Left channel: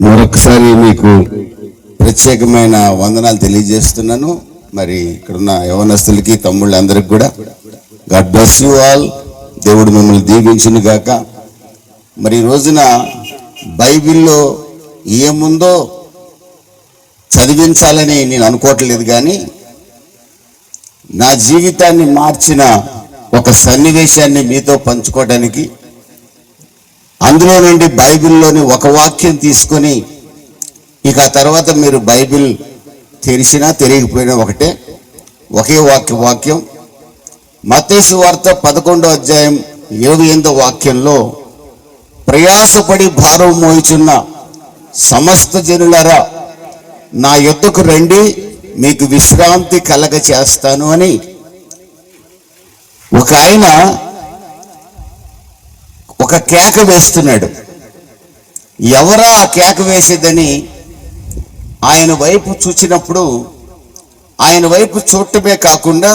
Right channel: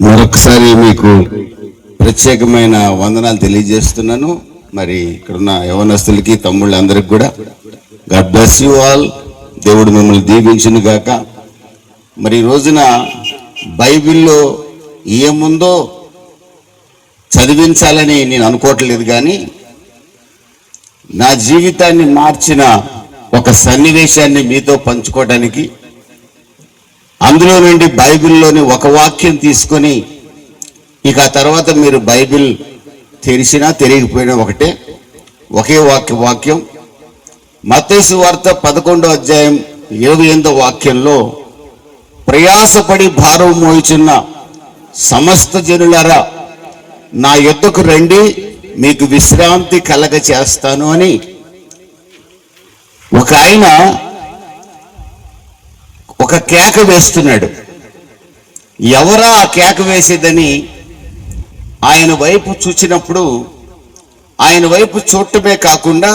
మరొకసారి మీకు ప్రత్యేకమైన వందనాలు తెలియజేస్తున్నాను. మరి ఇక్కడున్న యవనస్తులకి, తమ్ముళ్ళందరికీ కూడా గాడ్ బ్లెస్ యూ ఆల్. దేవుడు మిమ్మల్ని దీవించును గాక. మరి ఈ రోజున బైబిల్లో ఏముందో చదివించాలని నేను అనుకోవట్లేదు, కానీ నా జీవితాన్ని మార్చిన ఒక సన్నివేశాన్ని మీతో పంచుకోవడానికి, అందులో నుండి బైబిల్లోని ఒక వాక్యం తీసుకొని, ఇక ఆ తర్వాత మీరు బైబిల్ తెరిచినా తెలియకపోయినా ఒకటే, ఒకే వాక్యం మత్తయి సువార్త 11వ అధ్యాయం 28వ వాక్యంలో, ప్రయాసపడి భారం మోయుచున్న సమస్త జనులారా నా యొద్దకు రండి, మీకు విశ్రాంతి కలగ చేస్తాను అని ఒక ఆయన ఒక కేక వేస్తున్నాడు. ఎవరా ఆ కేక వేసేదని ఆయన వైపు చూచినప్పుడు, ఆయన వైపు చూడటమే కాకుండా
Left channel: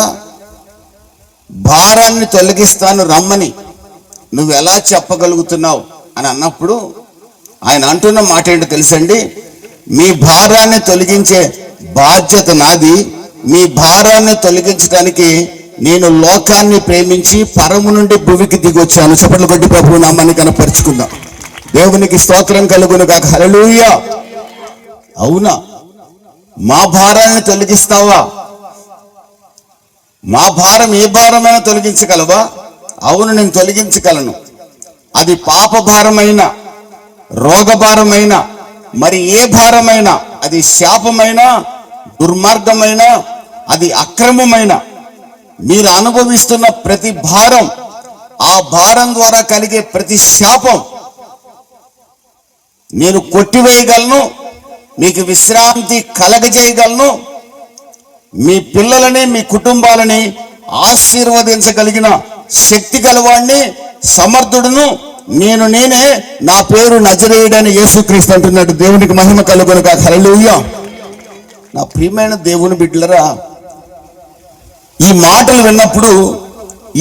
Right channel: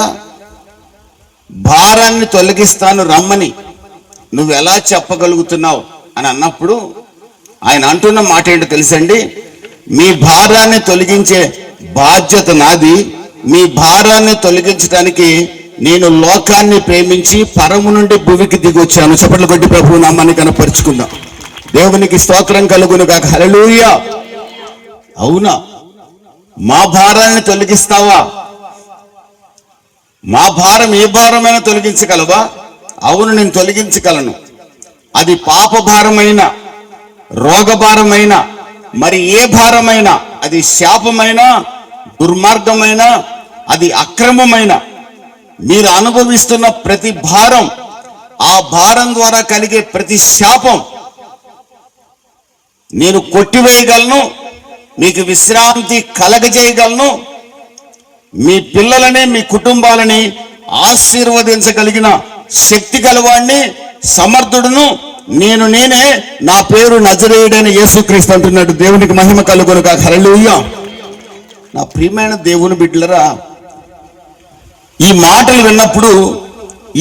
భారాన్ని తొలగిస్తాను రమ్మని నువ్వు ఎలా చెప్పగలుగుతున్నావు అని అన్నప్పుడు ఆయన అంటున్న మాట ఏంటో తెలుసండి? మీ భారాన్ని తొలగించే బాధ్యత నాది. మీ భారాన్ని తొలగించడానికి నేను లోకాన్ని ప్రేమించి పరము నుండి భూమికి దిగొచ్చాను. చప్పట్లు కొట్టి ప్రభువు నామాన్ని కనపరుచుకుందాం. దేవునికి స్తోత్రం కలుగును గాక. హల్లెలూయా. అవునా, మా భారాన్ని తొలగిస్తావా? మా భారం ఏ భారమైనా తొలగించగలవా? అవును, నేను తొలగించగలను. అది పాప భారమైన, రోగ భారమైన, మరి ఏ భారమైనా, అది శాపమైన, దుర్మార్గమైన, అది అక్రమమైన, మీరు అనుభవిస్తున్న ప్రతి భారం, ఆ భారం ద్వారా కలిగే ప్రతి శాపం నేను కొట్టివేయగలను. మీకు విశ్రాంతి కలగజేయగలను. మీ పిల్లలని, మీ కుటుంబాలని ఆశీర్వదించగలిగిన శక్తి గలవాడిని, సమర్థుడును నేనే. నా పేరు నజరేయుడని యేసుక్రీస్తు అంటున్నాడు. దేవునికి మహిమ కలుగును గాక. హల్లెలూయా. నా ప్రియమైన దేవుని బిడ్డలరా, ఈ మాటలు విన్నప్పుడు,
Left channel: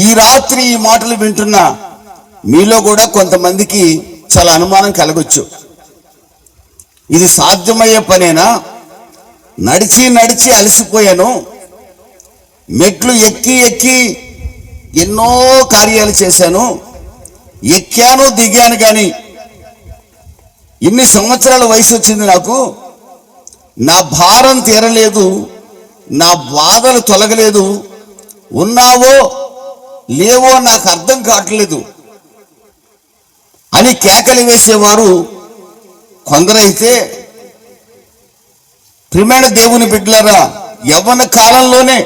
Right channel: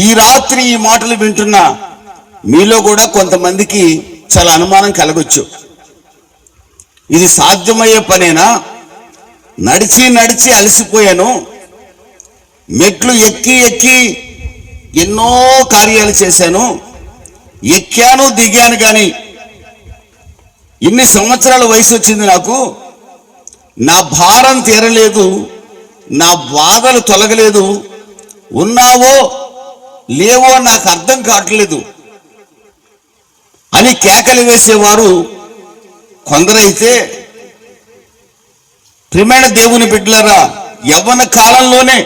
ఈ రాత్రి ఈ మాటలు వింటున్న మీలో కూడా కొంతమందికి చాలా అనుమానం కలగొచ్చు. ఇది సాధ్యమయ్యే పనేనా? నడిచి నడిచి అలసిపోయాను, మెట్లు ఎక్కి ఎన్నో కార్యాలు చేశాను, ఎక్కాను దిగాను, కానీ ఇన్ని సంవత్సరాల వయసు వచ్చింది నాకు, నా భారం తీరలేదు, నా బాధలు తొలగలేదు, ఉన్నావో లేవో నాకు అర్థం కావట్లేదు అని కేకలు వేసేవారు కొందరైతే, ప్రియమైన దేవుని బిడ్డలారా, యవ్వన కాలంలోనే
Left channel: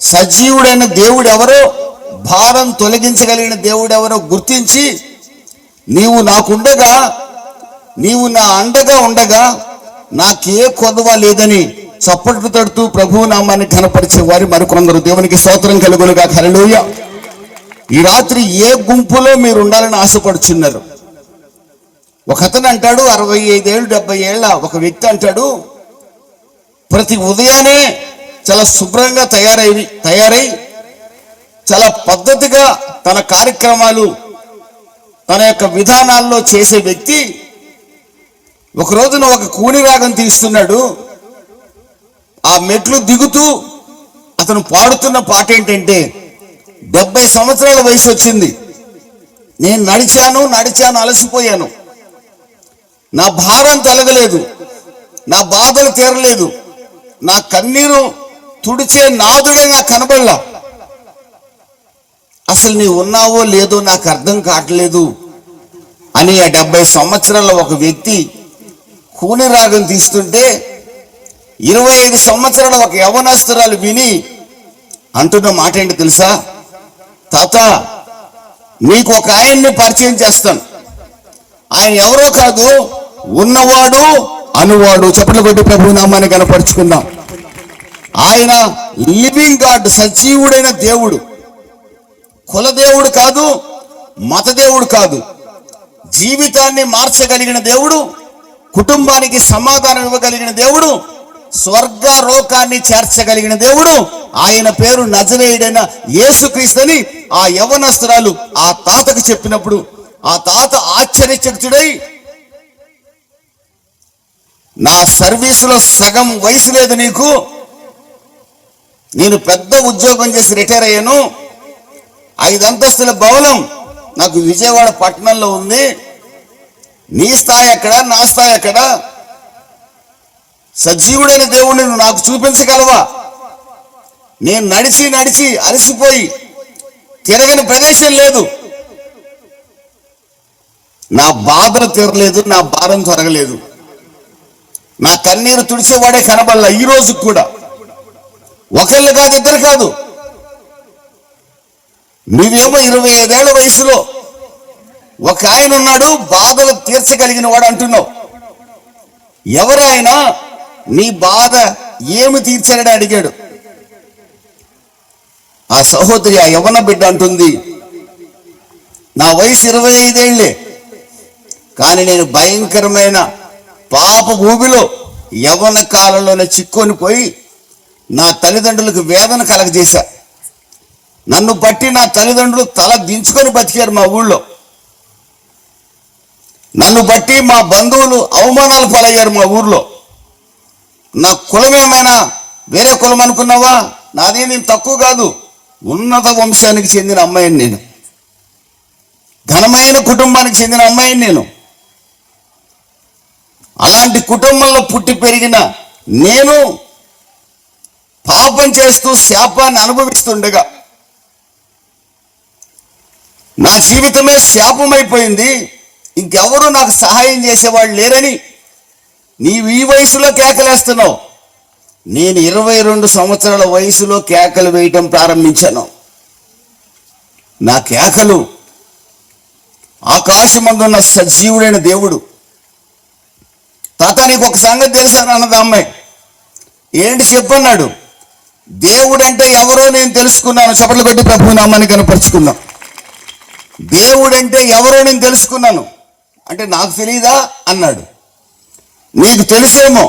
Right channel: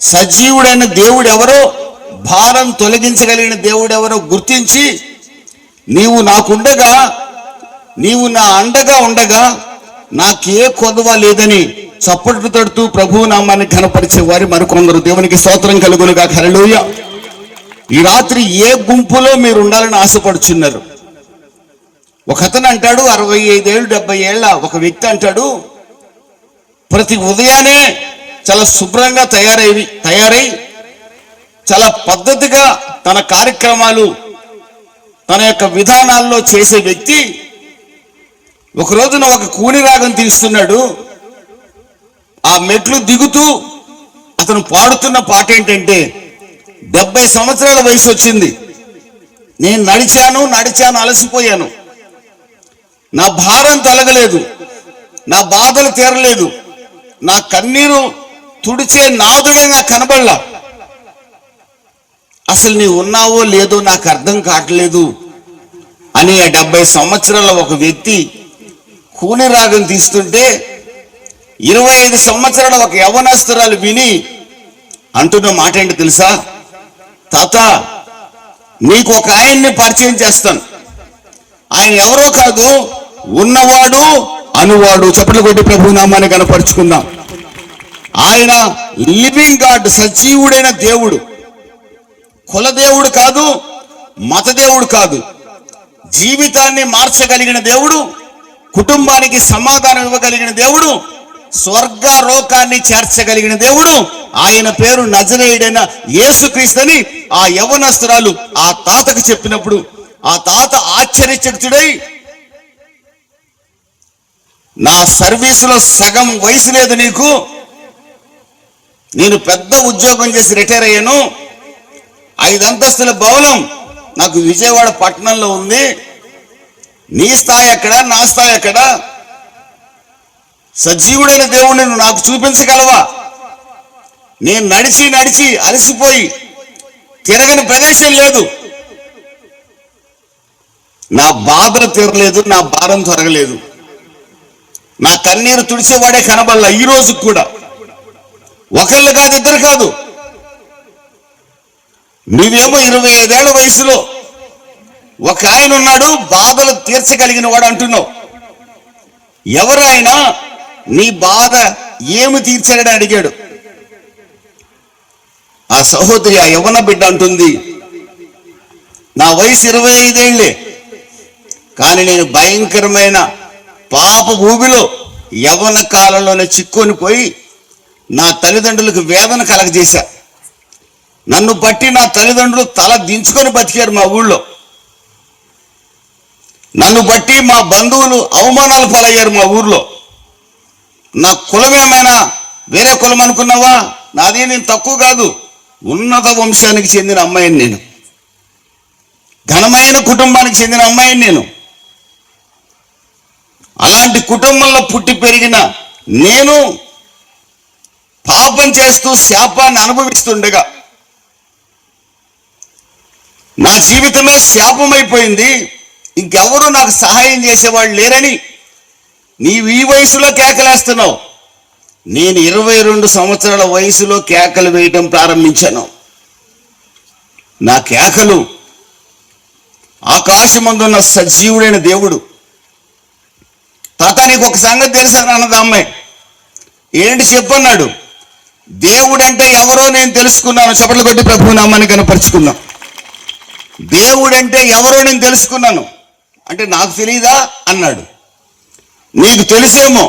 సజీవుడైన దేవుడు ఎవరో, భారం తొలగించగలిగిన దేవుడు ఎవరో గుర్తించి, నీవు నాకుండగా, నీవు నా అండగా ఉండగా నాకే కొదవ లేదని చప్పట్లు తడుతూ ప్రభువు నామాన్ని ఘనపరిచే వారి మరికొందరు. దేవునికి స్తోత్రం కలుగును గాక. హల్లెలూయా. ఈ రాత్రి ఏ గుంపులో మీరు ఉండాలని ఆశపడుచున్నారు? ఒక అతను అంటాడు, 65 ఏళ్ళు 70 ఏళ్ళ ఒక వ్యక్తి అంటాడు, ప్రతి ఉదయాన్నే చాలా శుభ్రంగా తయారై చాలా పద్ధతిగా తన కార్యక్రమాలు, తన యొక్క విధానాల్లో చేసే వ్యక్తి ఒక రోజున ఒక కూని రాగం తీస్తున్నాడు. ఆ మెట్లు దిగుతూ అతను పాడుతున్న పాట ఏంటంటే, 70 సంవత్సరాల వయసు వచ్చింది, నేను నడిచాను అలసిపోయాను, నా భారం తొలగలేదు, నా బాధలు తీరలేదు, నా కన్నీరు తుడిచే నాదుడే నాకు కనబడలా, అసలు నీవు ఉన్నావో లేదో నాకు అర్థం కావట్లేదు అని ఆ 70 సంవత్సరాల ఒక వ్యక్తి కూని రాగం తీస్తుంటే, 25 సంవత్సరాల ఒక యవ్వనస్తురాలు విని అంటున్న మాట ఏంటి తెలుసా? తాత, నీకు ఒక ఆయన్ని పరిచయం చేస్తాను, ఆయన ఎవరో కాదు, ఉన్నవాడు అనువాడు. చప్పట్లు కొట్టి ప్రభు నామాన్ని కనపరుచుకుందాం. ఆయన లివింగ్ గాడ్, సజీవుడైన దేవుడు, కులదేవుడు కాదు, మతదేవుడు కాదు, జీవితాన్ని మార్చగలిగిన దేవుడు, కుటుంబానికి సమాధానం ఇవ్వగలిగిన దేవుడు, స్వర్గలోకాన్ని చేర్చగలిగిన దేవుడు. ఆయన పేరు నజరేయుడైన యేసుక్రీస్తుని ఆ యవ్వనస్తురాలు ఆ తాతకు చెప్పినప్పుడు, ఆ తాత ఆశ్చర్యచకితుడై నా సర్వీసులో సగం వయసు లేదు నీకు, నేను పెద్ద ఉద్యోగం చేసి రిటైర్ అయ్యాను, 5 అంతస్తుల భవనం నాకు విజయవాడ పట్టణంలో ఉంది, నీ స్థాయి ఎక్కడ, నా స్థాయి ఎక్కడ? సజీవుడైన దేవుడిని నువ్వు నాకు చూపించగలవా? నేను నడిచి నడిచి అలసిపోయి తిరగని ప్రదేశం లేదు, నా బాధలు తీరలేదు, నా భారం తొరగలేదు, నా కన్నీరు తుడిచేవాడే కనబడలా ఈ రోజు కూడా. ఒకళ్ళు కాదు, ఇద్దరు కాదు. నువ్వేమో 25 ఏళ్ల వయసులో ఒక ఆయన ఉన్నాడు, బాధలు తీర్చగలిగిన వాడు అంటున్నావు. ఎవరు ఆయన? నీ బాధ ఏమి తీర్చాడని అడిగాడు. ఆ సహోదరి, ఆ యవ్వన బిడ్డ అంటుంది, నా వయసు 25 ఏళ్లే, కానీ నేను భయంకరమైన పాప ఊబిలో యవ్వన కాలంలోనే చిక్కుని పోయి నా తల్లిదండ్రులకు వేదన కలగజేశా. నన్ను బట్టి నా తల్లిదండ్రులు తల దించుకొని బతికారు మా ఊళ్ళో. నన్ను బట్టి మా బంధువులు అవమానాలు పాలయ్యారు మా ఊర్లో. నా కులం ఏమైనా వేరే కులం అనుకున్నావా? నాది నేను తక్కువ కాదు, ఉన్నత వంశానికి చెందిన అమ్మాయిని నేను, ఘనమైన కుటుంబానికి చెందిన అమ్మాయిని నేను. అలాంటి కుటుంబంలో పుట్టి పెరిగిన నేను పాపం చేస్తూ శాపాన్ని అనుభవిస్తుండగా నా జీవితమే శాపమైపోయింది, ఇంకెవరూ నాకు సహాయం చేసేవాళ్ళు లేరని నీవు ఈ వయసులో కేకలేస్తున్నావు. నేను 22 సంవత్సరాల వయసులో కేకలు వేయటం ప్రారంభించాను. నా కేకలు ఆకాశమందున్న సజీవుడైన దేవుడు. తాత, నీకు ఒక సంగతి తెలుసా అన్నది అమ్మాయి. ఏంటి చెప్పన్నాడు. దేవుడంటే ఎవరో నేను తెలుసుకున్నాను. చప్పట్లు కొట్టి ప్రభు నామాన్ని కనపరుచుకున్నా. దేవుడంటే ఎవరో నేను తెలుసుకున్నాను. అంటే నాకు తెలియదా అన్నాడు. నీకు తెలిసేమో,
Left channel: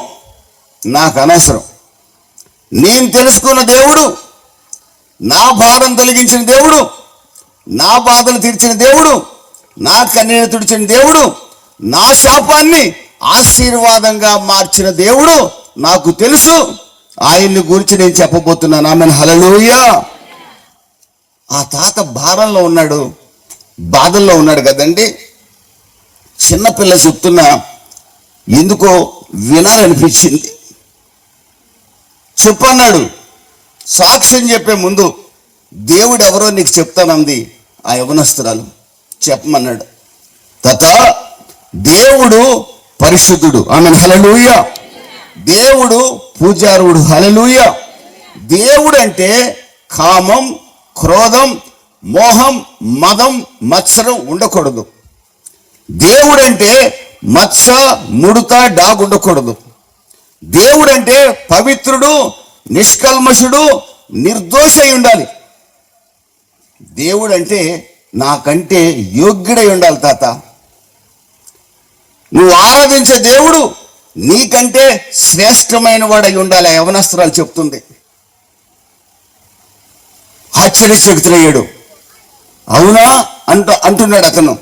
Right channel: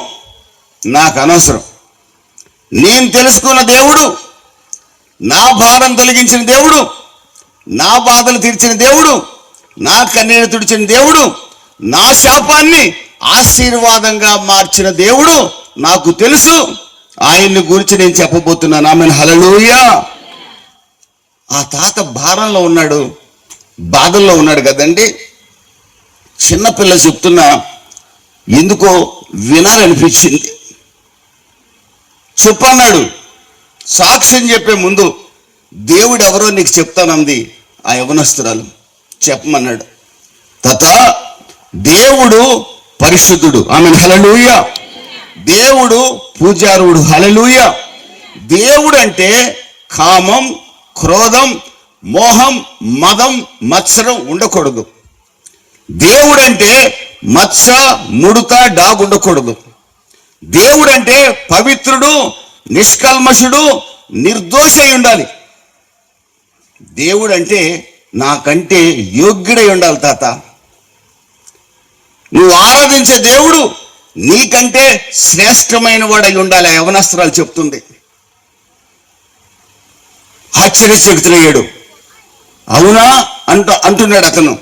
నాకు అనవసరం. నేను తెలుసుకున్న దేవుడు, నా భారం తొలగించిన దేవుడు, నా బాధలు తీర్చిన దేవుడు, నా కన్నీరు తుడిచిన దేవుడు, నా శాపాన్ని ఆశీర్వాదంగా మార్చిన దేవుడు నాకు తెలుసు. ఆయన్ని గురించి నేను చెప్పబోతున్నాను. ఆమెను హల్లెలూయా. ఆ తాత భారంలో ఉన్నాడు, బాధల్లో ఉన్నాడు కదండి. చిన్నపిల్ల చెప్తున్నా ఎందుకో వినాలనిపించింది. చెప్పన్నాడు. సాక్ష్యం చెప్పే ముందు దేవుడు ఎవరో నీకు చెప్తానంది ఆ యవనస్తురాలు. చెప్పమన్నాడు. తాత, దేవుడు పరిశుద్ధుడు. ఆమెను హల్లెలూయా. దేవుడు పూజారుడు. హల్లెలూయా. దేవుడు అంటే కామం, క్రోధం, మోహం, మదం, మత్సరం ఉండకూడదు. దేవుడంటే మత్స, ముడత, డాగు ఉండకూడదు. దేవుడంటే పవిత్రుడు, నిష్కల్మషుడు, నిర్దోషి అయి ఉండాలి. దేవుడంటే నాకంటే యోగ్యుడై ఉండాలి తాత. నువ్వు ఆరాధించే దేవుడు నీకంటే శ్రేష్టమైన వాడై ఉండాలి. ఆ యవనస్త్రాలు చెప్తుంది. ఆశ్చర్యచకితులయ్యాడు. అవునా అంటున్నాడు అతను.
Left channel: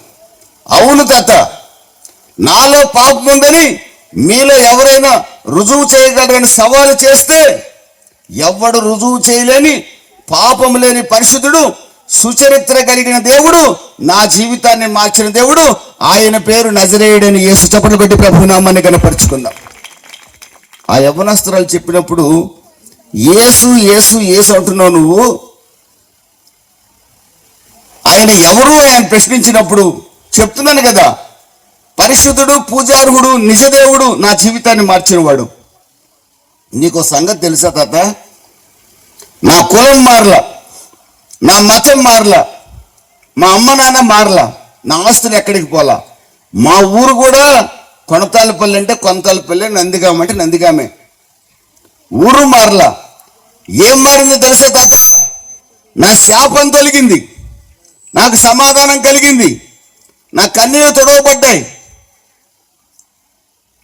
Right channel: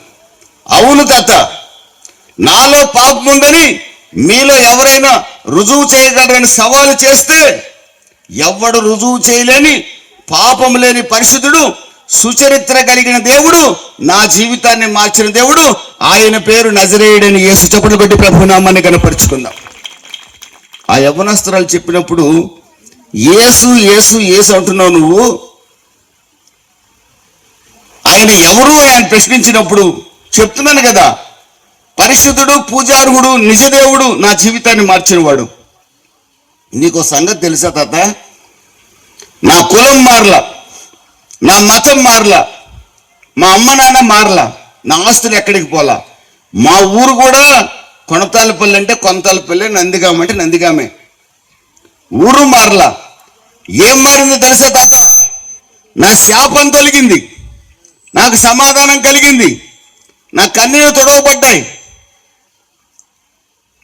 అవును తాత, నాలో పాపం ఉందని మీలో ఎవరైనా రుజువు చేయగలరని సవాలు చేస్తే, ఎవడు రుజువు చేయలేని పాపం లేని పరిశుద్ధుడు, సుచరిత్ర కలిగిన దేవుడు, నా జీవితాన్ని మార్చిన దేవుడు, ఆయన పేరు నజరేయుడని యేసు. చప్పట్లు పెట్టి ప్రభు నామాన్ని కనపరుచుకుందాం. ఆ యవనస్తురాలు చెప్పినప్పుడు యేసు యేసు యేసు అంటున్నావు నువ్వు, ఆయన ఎవరు ఆయన ప్రశ్నించినప్పుడు చెప్తున్నాను కదా, పరిశుద్ధుడు, పూజార్హుడు, నిజదేవుడు, నా జీవితాన్ని మార్చినవాడు. నీకు సంగతి తెలుసా తాత? నా కులం మారలా, నా మతం మారలా, మా అమ్మ నాన్న మారలా, నా ఆస్తులు ఎక్కడికి పోలా, మా ఊరు కూడా కొనతాలపల్లి అంటే కొనతాలపల్లి, నందిగామ అంటే నందిగామే, ఊరు మారలా. ఏం మారిందో తెలుసా తాత? నా శాపం తొలగింది, నాకు సమాధానం కలిగింది, నా కన్నీరు తొడవబడ్డాయి,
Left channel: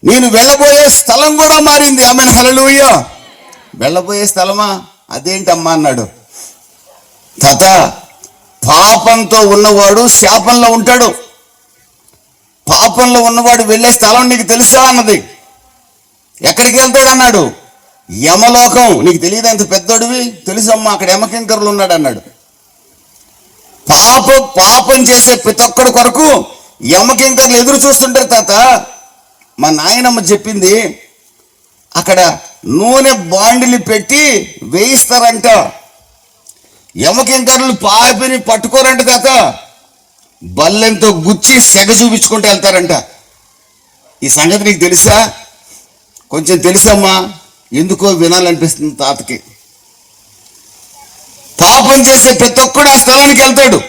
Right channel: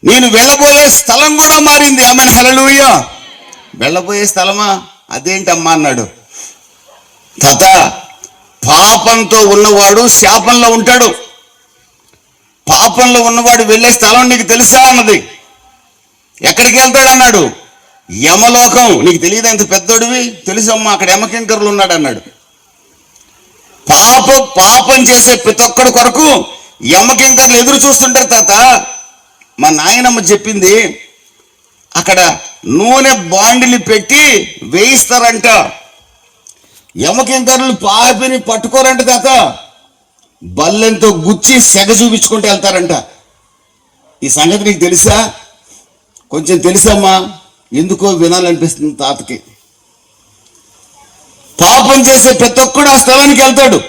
నేను వెళ్ళబోయే స్థలం కూడా మారింది. ఆమెను హల్లెలూయా. వెళ్ళబోయే స్థలమా? అదేంటమ్మా అన్నాడు. తాత, పాపంతో ఉన్నవాడు శాపంలో ఉంటాడు. పాపంలో ఉన్నవాడు వెళ్ళే స్థలం నీకు తెలుసా అన్నది. ఎక్కడికి వెళ్తాడు అన్నాడు? యమలోకం. నీకు తెలియదు అంత పెద్దోడివి? తెలుసమ్మా, అక్కడ యమకింకరులు ఉన్నాడు అన్నాడు. పాపం చేసే ప్రతి ఒక్కడి కొరకు యమకింకర్లు ఎదురు చూస్తుంటారు తాత. మా నాయనమ్మ చెప్పింది, అక్కడ నూనె బాండిలు పెట్టి వేయిస్తారంట. యమకింకర్లు పాపిని పట్టుకోరంట తాత, బల్లెంతో గుచ్చి సెగ చూపించుకుంటూ వెళ్తారంట. ఈ సంగతి నీకు తెలుసా? కొంచెం తెలుసమ్మా, ఎందుకో వినాలనిపిస్తుంది తాతకి. పాపం చేసే ప్రతి ఒక్కడు ఆ స్థలానికి వెళ్తాడు.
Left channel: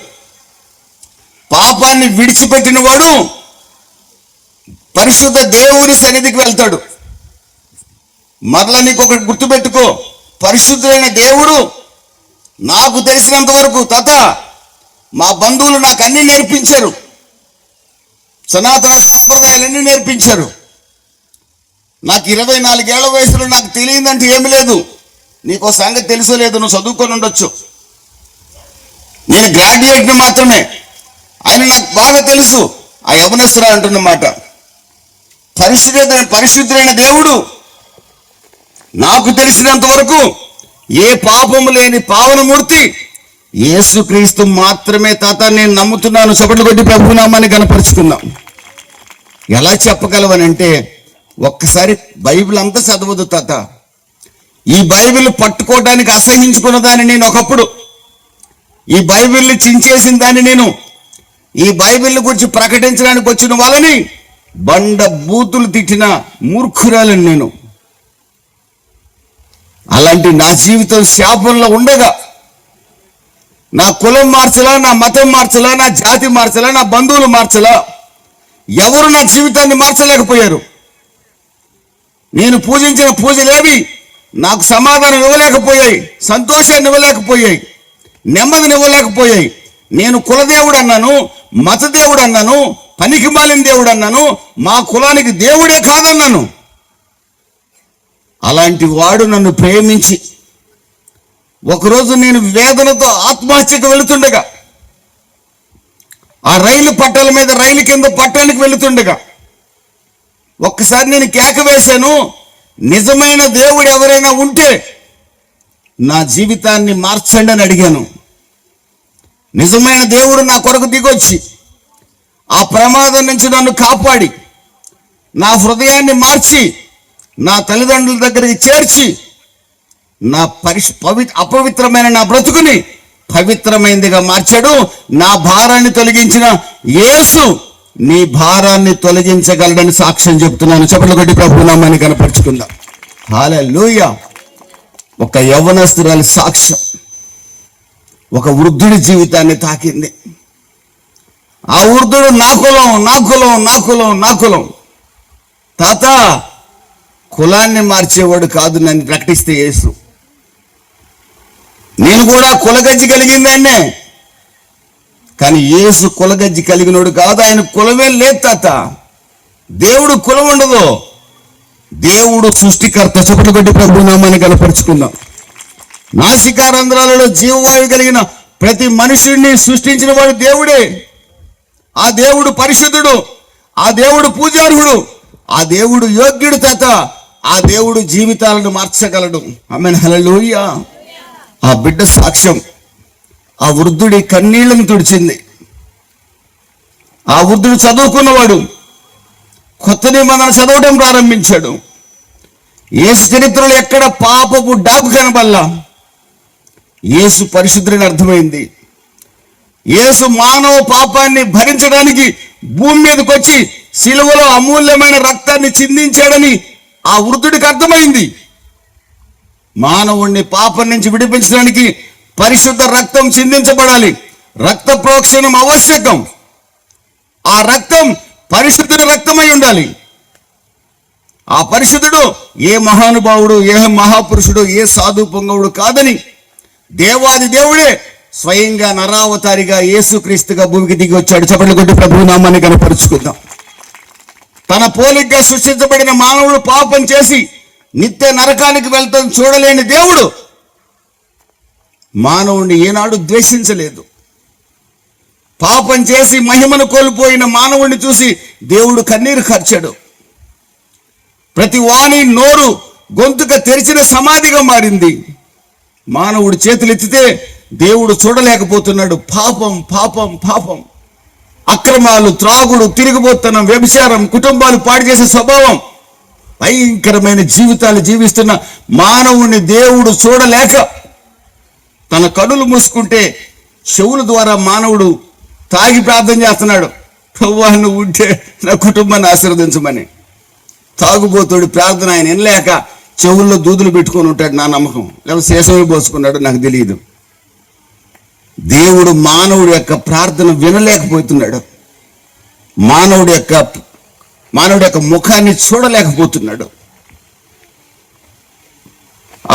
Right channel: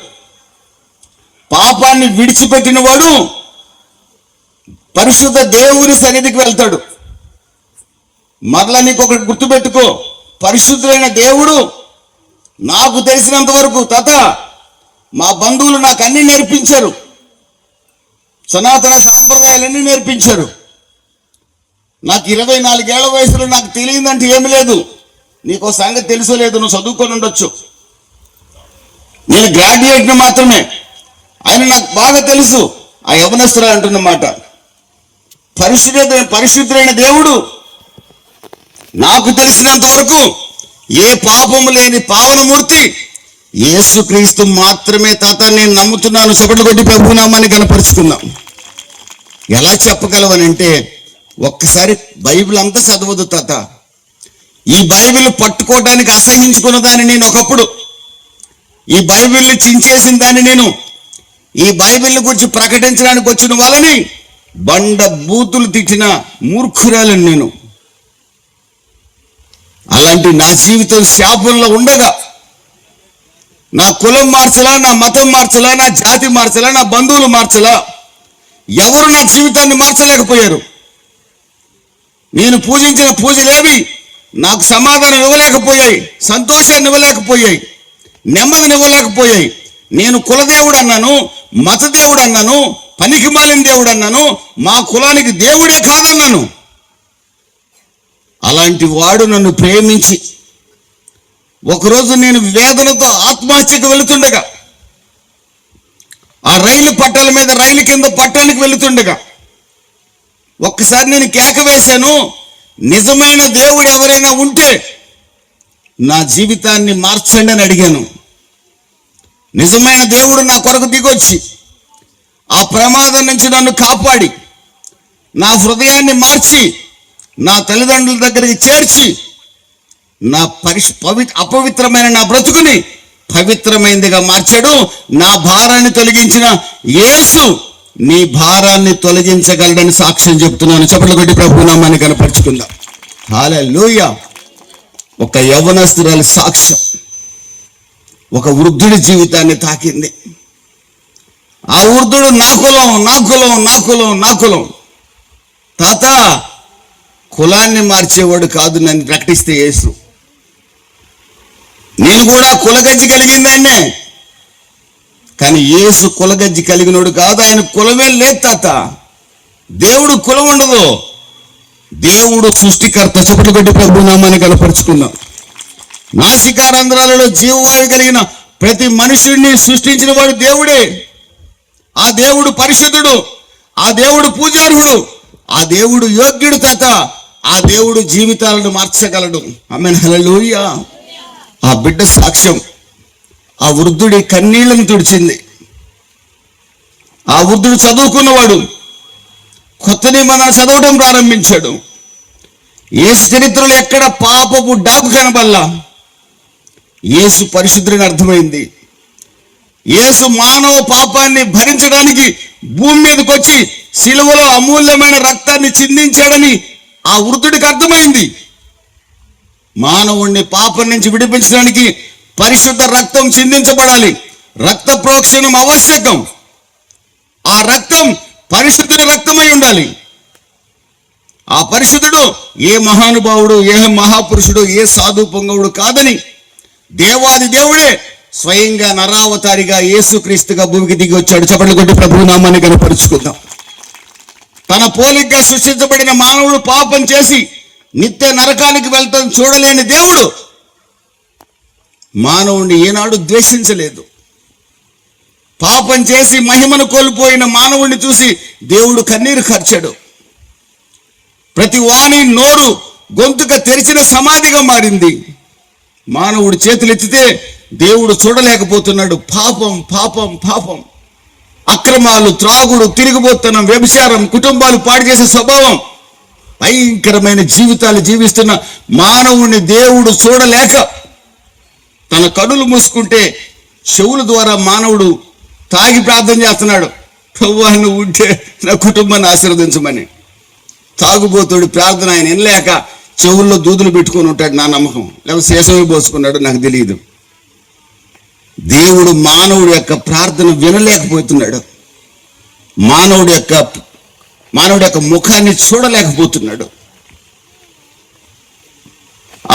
పాపాన్ని విడిచిపెట్టిన వాడు పరిశుద్ధ దేవుని సన్నిధికి వెళ్తాడు. మరలా నీకు ఒకటి గుర్తుపెట్టుకో, పరిశుద్ధమైన దేవుడు నాకు తెలిసినంత వరకు తాత, మా బంధువులు నాకు అన్ని నేర్పించారు, సనాతన సాంప్రదాయాలన్నీ నేర్పించారు. నాకు 24 ఏళ్ల వయసులో నాకు తెలియదంటే ఏమి లేదు. నీకో సంగతి తెలుసో లేదు, నువ్వు చదువుకొని ఉండొచ్చు. నేను గ్రాడ్యుయేట్ని మాత్రమే, ఆయన నాకు బాగా తెలుసు ఆ యవనస్తురా అంటున్నమాట. పరిశుద్ధుడైన దేవుడు నాకు తెలిసినంత వరకు ఏ పాపము లేని పావనమూర్తి యేసుక్రీస్తు మాత్రమే తాత. నేను నమ్ముతున్నాను. చప్పట్లు కొట్టి ప్రభునామాన్ని కనపరుచుకుందాం. ఎలా చెప్పగలవనంటే, ఒక్కసారి బైబిల్ అంతా చదవదు తాత. ఈ బైబిల్ పట్టుకోవడానికి అసహించుకున్న దాన్ని నేను ఒకప్పుడు, ఈ బైబిల్ని చించేసిన దాన్ని నేను, ఈ బైబిల్ని గురించి ప్రకటించడానికి వచ్చిన వాళ్ళని బండ బూతులు తిట్టిన మూర్ఖురాలని నేను. అలాంటి నా జీవితం శాపంలో ఉండగా, నా కులం మార్చలా, నా మతం మార్చలా, నా జాతి మార్చలా, నా బంధువులు మార్చలా, ఎవరు నా జీవితాన్ని మార్చలేకపోయారు. నేను పూజించిన పూజలేవి నాకు సమాధానం ఇవ్వలేకపోయాయి, సంతోషాన్ని ఇవ్వలేకపోయాయి, నెమ్మదిని ఇవ్వలేకపోయాయి. నేను కులదేవుడు అన్నాను, మతదేవుడు అన్నాను, పనికి మాలిన దేవుడు అన్నాను, మా కులానికి దేవుడే కాదన్నాను. అలాంటి వాడు నన్ను ప్రేమించి, ఒకరోజు నేను వేదనతో ఆత్మహత్యకు వెళుతుండగా, ఆ రైలు పట్టాల మీద రైలు కింద పట్టణానికి వెళుతుండగా ఒక్కసారి నేను కేక వేశాను, నిజమైన దేవుడు ఎవరైనా ఉంటే నా జీవితాన్ని మార్చండి అని అడిగాను. నిజమైన దేవుడు నా కొరకు దిగొచ్చి ఆ ప్రమాదం నుంచి నన్ను కాపాడి, నా హృదయాన్ని మార్చి, నా తల్లిదండ్రుల దగ్గరికి చేర్చి, నా అపవిత్రమైన నా బ్రతుకుని పవిత్రమైనదిగా మార్చాడు. నా భారాన్ని తొలగించిన యేసు నీ భారాన్ని తొలగించగలడని సాక్ష్యం చెప్తున్నాను. చప్పట్లు కొట్టి ప్రభునామాన్ని కనపరుచుకుందాం. హల్లెలూయా. ఒక యవ్వనస్తురాలి సాక్ష్యం ఒక వృద్ధుడి జీవితాన్ని తాకింది. ఆ వృద్ధుడు నా కులం, నా కులం, నా కులం, నా కులం. తాత, కులాన్ని మార్చేవాడు కాదు నన్ను ప్రకటిస్తే యేసు. నేను కూడా కులగజ్జి కలిగిందాన్నే, కానీ యేసు కులగజ్జి కలిగినోడు కాదు. ఆయన కులమే లేదు తాత. దేవుడు కులం ఉండదు. దేవుడు సృష్టికర్త. చప్పట్లు కొట్టి ప్రభునామాన్ని కనపరుచుకుందాం. నాసికారంధ్రాలలో జీవవాయు కలిగిన ప్రతి మనుషుడిని సృష్టించిన వాడు దేవుడే. ఆ దేవుడు పరిశుద్ధుడు, ఆ దేవుడు పూజార్హుడు, ఆ దేవుడు యోగ్యుడు తాత. ఆ దేవుడు జీవితాలను మార్చగలడు. ఆమేన్, హల్లెలూయా. ఆ బిడ్డ సాక్ష్యం ఆ వృద్ధుడి కన్నీళ్లను తుడిచింది. ఆ వృద్ధుడు చదువుకున్నవాడు, కొత్త నిబంధన చదవడం ప్రారంభించాడు. యేసు చరిత్రలో ఎక్కడ పాపపు డాబు కనబల్లా. యేసు పరిశుద్ధుడిని అర్థమైంది. యేసు మానవ పాపాన్ని భరించడానికి భూమి మీదకి వచ్చి శిలువలో అమూల్యమైన రక్తాన్ని చిందించాడని ఆ వృద్ధుడికి అర్థమైంది. మానవుణ్ణి పాపం నుంచి విడిపించడానికి పరిశుద్ధ రక్తం చిందించబడాలి. రక్త ప్రోక్షణం ఆవశ్యకం. ఆ రక్తం పరిశుద్ధుడి రక్తమై ఉండాలి. ఆ పరిశుద్ధుడు ఏ మహానుభావుడు, ఏ మహాపురుషుడు, ఏ సాధు పొంగవుడు కాదని దేవాది దేవుడే స్వయంగా నరావతారిగా యేసుక్రీస్తుగా భూమికి దిగి వచ్చాడు. చప్పట్లు కొట్టి ప్రభు నామాన్ని కనపరుచుకుందాం. తన పోలికగా సృష్టించబడిన మానవుడు పాపం చేసి నిత్య నరకానికి వెళ్తాం చూడలేని దేవుడు మానవుడిని ఏనాడు ద్వేషించలేదు. పాపం చేసి మహిమను కోల్పోయిన మానవుడిని చూసి దేవుడు కన్నీరు కార్చాడు. ప్రతి వాణి నోరు గొంతుక తెరిచిన సమాధిగా మారింది. మానవుడు చేతులెత్తితే దేవుడు చూడలేకపోతున్నాడు. పాపం పాపం పాపం, అక్రమాలు, త్రాగుడు, తిరిగిపోతనం, వ్యభిచారం, కుటుంబాలు పాడు చేసే స్వభావం, భయంకరమైన జీవితాలు జీవిస్తున్న మానవుని దేవుడు చూడలేక తన కనులు మూసుకుంటే చెవుల ద్వారా మానవుడు తాగి ప్రార్థన చేస్తున్నాడు. ప్రభువా నువ్వు ఉంటే నా కుటుంబాన్ని ఆశీర్వదించమని. తాగుబోతుడు ప్రార్థన ఆయన వినలేక చెవుల్లో దూదులు పెట్టుకొని ఉంటాడు, నా నమ్మకం. లేకపోతే శేషమే పోసుకున్నాడు, నాకు తెలియదు. దేవుడు మానవుడి యొక్క ప్రార్థన వినలేకపోతున్నాడు. మానవుడి యొక్క ముఖాన్ని చూడలేకపోతున్నాడు.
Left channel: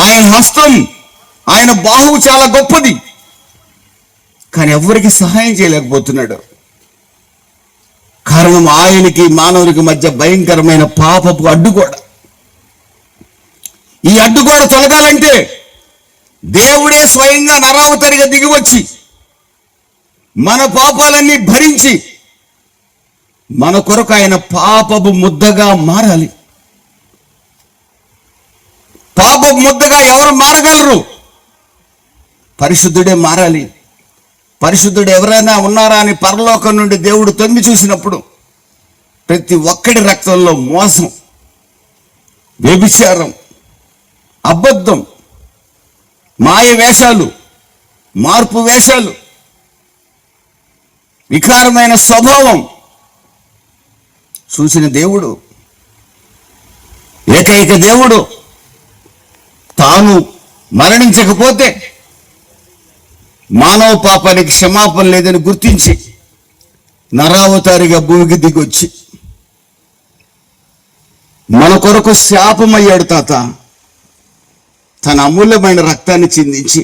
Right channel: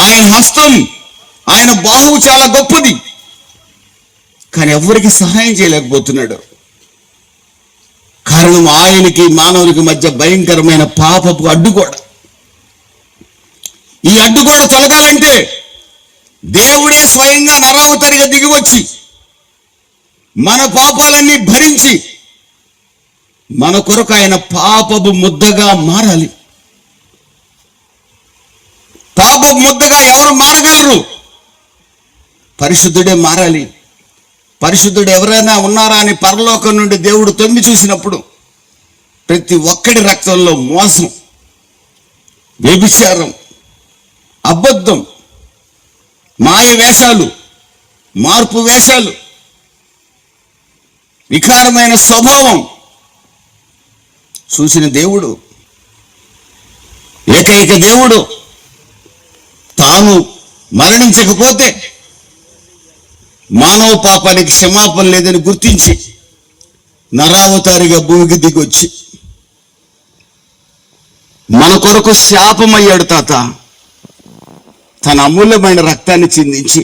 ఆయన హస్తం, ఆయన బాహువు చాలా గొప్పది, కానీ ఎవరికి సహాయం చేయలేకపోతున్నాడు. కారణం ఆయనకి మానవునికి మధ్య భయంకరమైన పాపపు అడ్డుగోడ. ఈ అడ్డుగోడ తొలగాలంటే దేవుడే స్వయంగా నరావతారిగా దిగివచ్చి మన పాపాలన్నీ భరించి మన కొరకు ఆయన పాపపు ముద్దగా మారాలి. పాపపు ముద్దగా ఎవరు మారగలరు? పరిశుద్ధుడే మారాలి. పరిశుద్ధుడు ఎవరైనా ఉన్నారా అని పరలోకం నుండి దేవుడు తొంగి చూసినప్పుడు ప్రతి ఒక్కడి రక్తంలో మోసం, వ్యభిచారం, అబద్ధం, మాయ వేషాలు, మార్పు వేషాలు, వికారమైన స్వభావం చూసిన దేవుడు, ఏకైక దేవుడు తాను మరణించకపోతే మానవ పాపానికి క్షమాపణ లేదని గుర్తించి నరావతారిగా భూమికి దిగొచ్చి మన కొరకు శాపమయ్యాడు. తాత తన అమూల్యమైన రక్తాన్ని చిందించి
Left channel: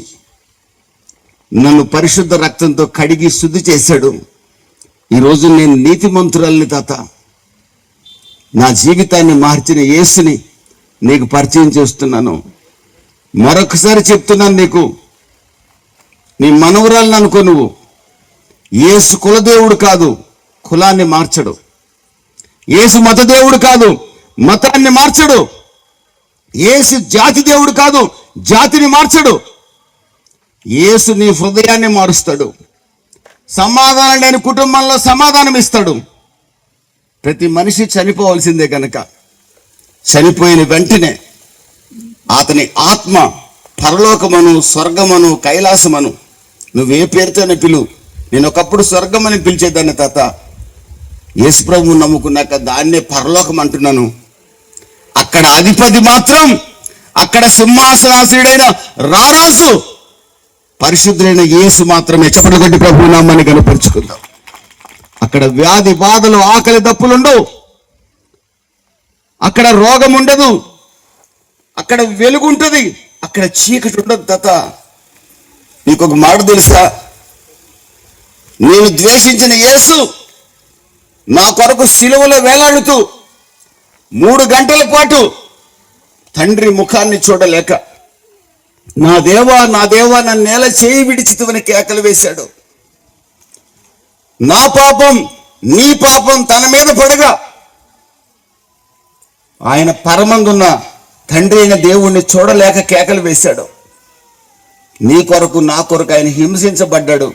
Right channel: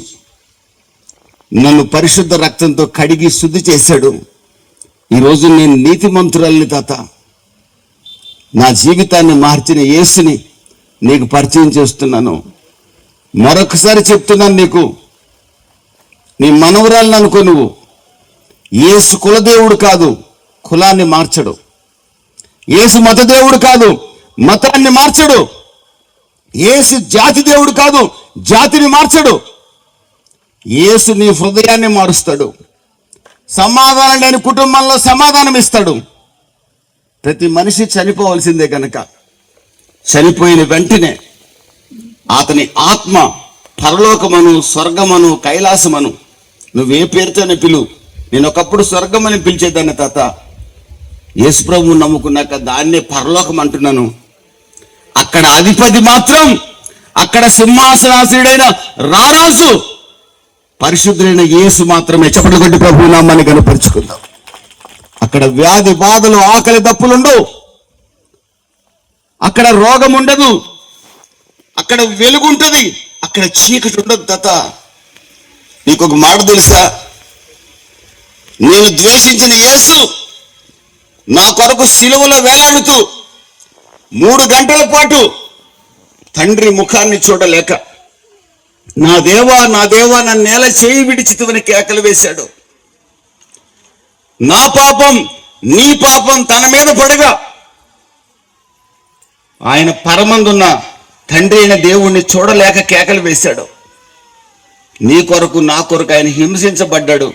నన్ను పరిశుద్ధ రక్తంతో కడిగి శుద్ధి చేశాడు. ఈరోజు నేను నీతిమంతురాల్ని తాత. నా జీవితాన్ని మార్చిన యేసుని నీకు పరిచయం చేస్తున్నాను. మరొకసారి చెప్తున్నాను నీకు, నీ మనవరాలను అనుకో. నువ్వు యేసు కులదేవుడు కాదు, కులాన్ని మార్చడు. యేసు మతదేవుడు కాదు, మతాన్ని మార్చడు. యేసు జాతి దేవుడు కాదు, జాతిని మార్చడు. యేసు నీ హృదయాన్ని మారుస్తాడు. సమాధానం లేని కుటుంబంలో సమాధానం ఇస్తాడు. ప్రతి మనిషి చనిపోవలసిందే కనుక చనిపోయిన వెంటనే అతని ఆత్మ పరలోకమను, స్వర్గమను, కైలాసమను, నువ్వే పేరుతోనే పిలువు. నేను ఒకప్పుడు స్వర్గమని పిలిచేదాన్ని తాత. యేసుప్రభువు నమ్ముకున్నాక దాన్నే పరలోకం అంటున్నాను. అక్కడ అధిపతి మాత్రం, అక్కడ సింహాసనాసీనుడైన రారాజు పరిశుద్ధుడైన యేసు మాత్రమే. చప్పట్లు కొట్టి ప్రభువు నామాన్ని కనపరుచుకుందాం. అక్కడ వ్యాధి బాధలు, ఆకలి దప్పులుండవు. అక్కడ రోగం ఉండదు. అక్కడ వెలుగు ఉంటుంది. అక్కడ చీకటి ఉండదు తాత. నీకు ఒక మాట తెలుసా? నేను ద్వేషించిన యేసు నా కొరకు సిలువలో వేలాడుతూ 3 గంటల పాటు తండ్రి ముఖాన్ని చూడలేక, నా దేవా నా దేవా నా నేల చేయి విడిచితువని కేకలు వేశాడు. నా పాపం నీ పాపం తన మీద పడగా ఆయన పరమందున్న తండ్రి అయిన దేవుణ్ణి చూడలేక కేకలు వేశాడు. నీ కొరకు నా కొరకు ఆయన హింసించబడ్డాడు,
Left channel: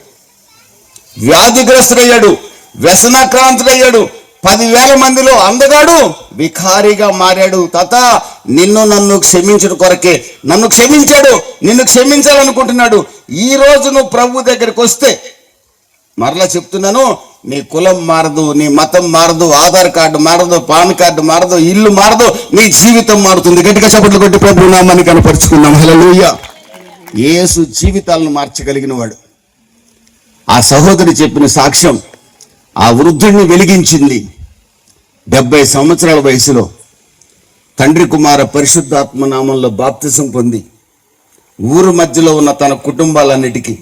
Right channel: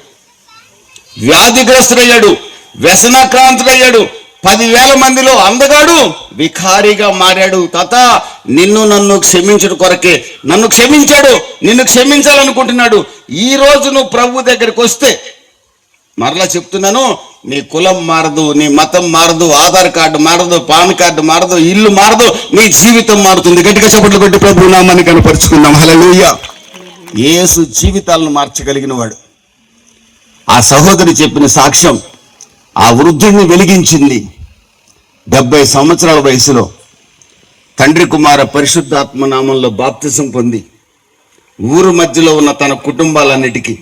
వ్యాధిగ్రస్తుడయ్యాడు, వ్యసనాక్రాంతుడయ్యాడు, 10,000 మందిలో అందగాడు వికారిగా మారాడు. తాత నిన్ను నన్ను క్షమించడం కొరకే నన్ను క్షమించాడు. నిన్ను క్షమించాలనుకుంటున్నాడు. ఈ రోజు నువ్వు ప్రభు దగ్గరికి వస్తే, మరలా చెప్తున్నాను, నీ కులం మారదు, నీ మతం మారదు, ఆధార్ కార్డు మారదు, పాన్ కార్డు మారదు, ఇల్లు మారదు, నీ జీవితం మారుతుంది. గట్టిగా చప్పట్లు కొట్టి ప్రభు నామాన్ని కనపరుచుకుందాం. హల్లెలూయా. యేసు జీవితాలను మార్చగలిగిన వాడు. ఆ సహోదరి చెప్పిన సాక్ష్యం ఆ వృద్ధుడిని వెలిగించింది. 70 సంవత్సరాల వయసులో తండ్రి కుమార పరిశుద్ధాత్మ నామంలో బాప్తిసం పొంది ఊరు మధ్యలో ఉన్న తన కుటుంబాలన్నిటికీ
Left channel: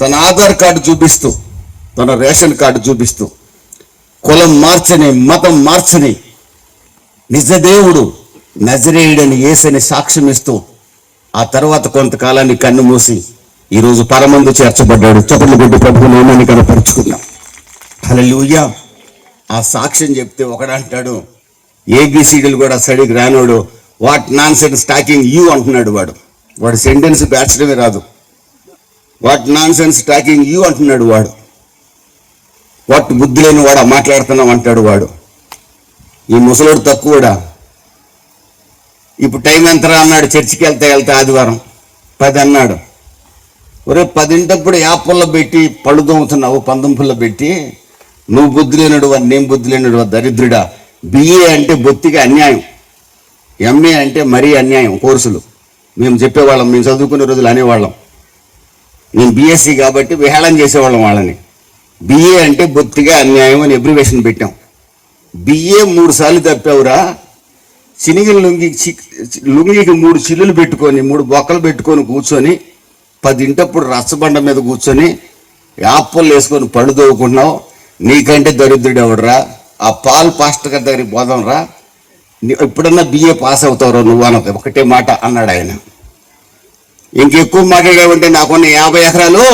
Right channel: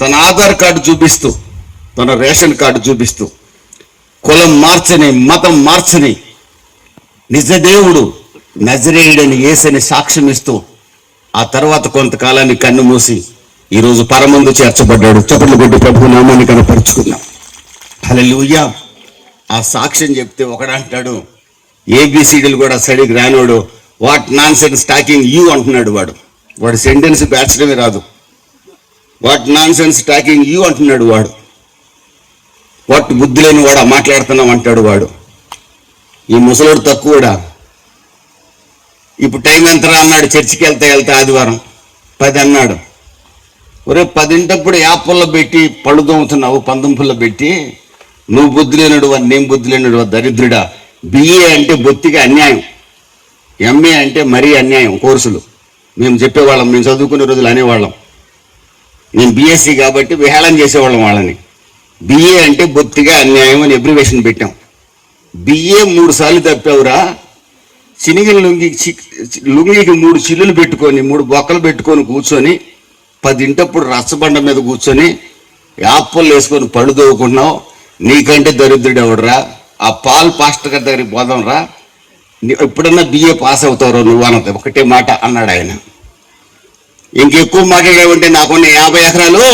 తన ఆధార్ కార్డు చూపిస్తూ, తన రేషన్ కార్డు చూపిస్తూ, కులం మార్చని, మతం మార్చని నిజదేవుడు నజరేయుడని యేసని సాక్ష్యం ఇస్తూ ఆ తర్వాత కొంతకాలాన్ని కన్ను మూసి ఈరోజు పరమందు చేర్చబడ్డాడు. చప్పట్లు కొట్టి ప్రభు నామాన్ని కనపరుచుకున్నా. హల్లెలూయా. ఆ సాక్ష్యం చెప్తే ఒకడంటాడు, ఏబిసిడీలు కూడా సరిగ్గా రానోడు what nonsense talking you అంటున్నాడు. వాడు సెంటెన్స్ బ్యాచడమే రాదు. What nonsense talking you అంటున్నాడు వాడు. వాట్ బుద్ధి లేని వాడు మాట్లాడుతున్నాం అంటాడు వాడు. ఈ ముసలోడు తక్కువడా. ఇప్పుడు టైం ఎంతరా అన్నాడు. చర్చికి వెళ్తా ఆదివారం 10 అన్నాడు. ఒరే 10 యాపల్లో పెట్టి పళ్ళు దోముతున్నావు, పందుంపుల్లో పెట్టి. నువ్వు బుద్ధి లేనుడు వాడు, నేను బుద్ధి లేనుడు వాడు, దరిద్రుడా. బిఏ అంటే బొత్తిగా అన్యాయం, ఎంఏ అంటే మరీ అన్యాయం. కోర్సులు మేము చెప్పేవాళ్ళం, మేము చదువుకునే రోజులు అనేవాళ్ళం. నేను బీఎస్సీ కాబట్టి విహేళన చేసేవాళ్ళం వాళ్ళని. బిఏ అంటే బొత్తిగా అన్యాయం అని అబ్రివేషన్ పెట్టాం. బిఏ 3 సార్లు తప్పావురా. చినిగిన లుంగికి 3 చిల్లులు పెట్టుకొని 3 బొక్కలు పెట్టుకొని కూర్చొని 10 రచ్చబండ మీద కూర్చొని యాప్పలు వేసుకొని పళ్ళు దోవుకున్నావు. నీకంటే దరిద్రుడు ఎవడరా. ఆ పాల్ పాస్టర్ గారి దగ్గరికి పోదాం రా, ఎప్పుడన్నా బిఏ పాస్ అవుతారో నువ్వు అన్నది ఒకటే మాట అన్నాడు ఆయన. ఇంకెక్కువ మాటగా ఉంటే నాకున్న 50 ఎకరాలు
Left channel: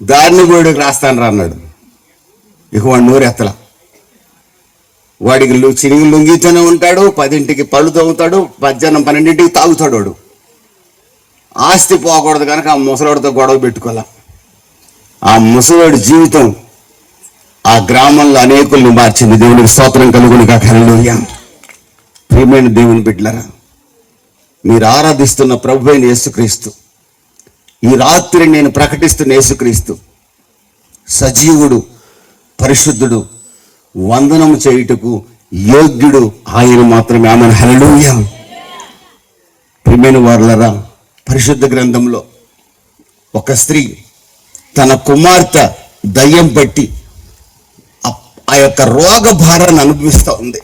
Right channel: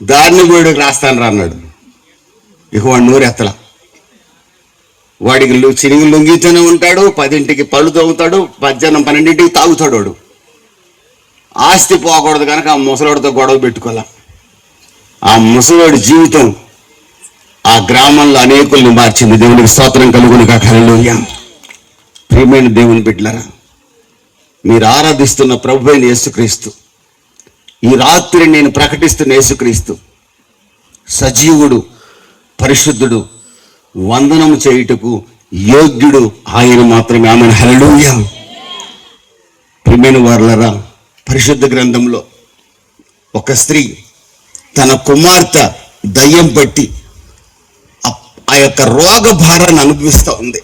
దారిని వేడికి రాస్తాను రా అన్నాడు. ఇక వాడు నూరెత్తల. వాడికి చిరిగి లుంగితోనే ఉంటాడు, 10ంటికి పళ్ళు తోముతాడు, మధ్యాహ్నం 12ంటికి తాగుతాడు. వాడు ఆస్తి పోకూడదు కనుక ఆ ముసలాడితో గొడవ పెట్టుకోలే. ఆ ముసలాడి జీవితం ఆ గ్రామంలో అనేకుల్ని మార్చింది. దేవునికి స్తోత్రం కలుగును గాక. హల్లెలూయా. ప్రియమైన దేవుని బిడ్డలారా, మీరు ఆరాధిస్తున్న ప్రభు అయిన యేసుక్రీస్తు, ఈ రాత్రి నేను ప్రకటిస్తున్న యేసుక్రీస్తు సజీవుడు, పరిశుద్ధుడు, వందనము చేయుటకు యోగ్యుడు ఆయన మాత్రమే. ఆమెను. హల్లెలూయా. ప్రియమైన వారలారా, పరిశుద్ధ గ్రంథంలో ఒక స్త్రీ తన కుమార్తె దయ్యం పట్టి ఆ యొక్క రోగ భారాన్ని అనుభవిస్తూ ఉంది.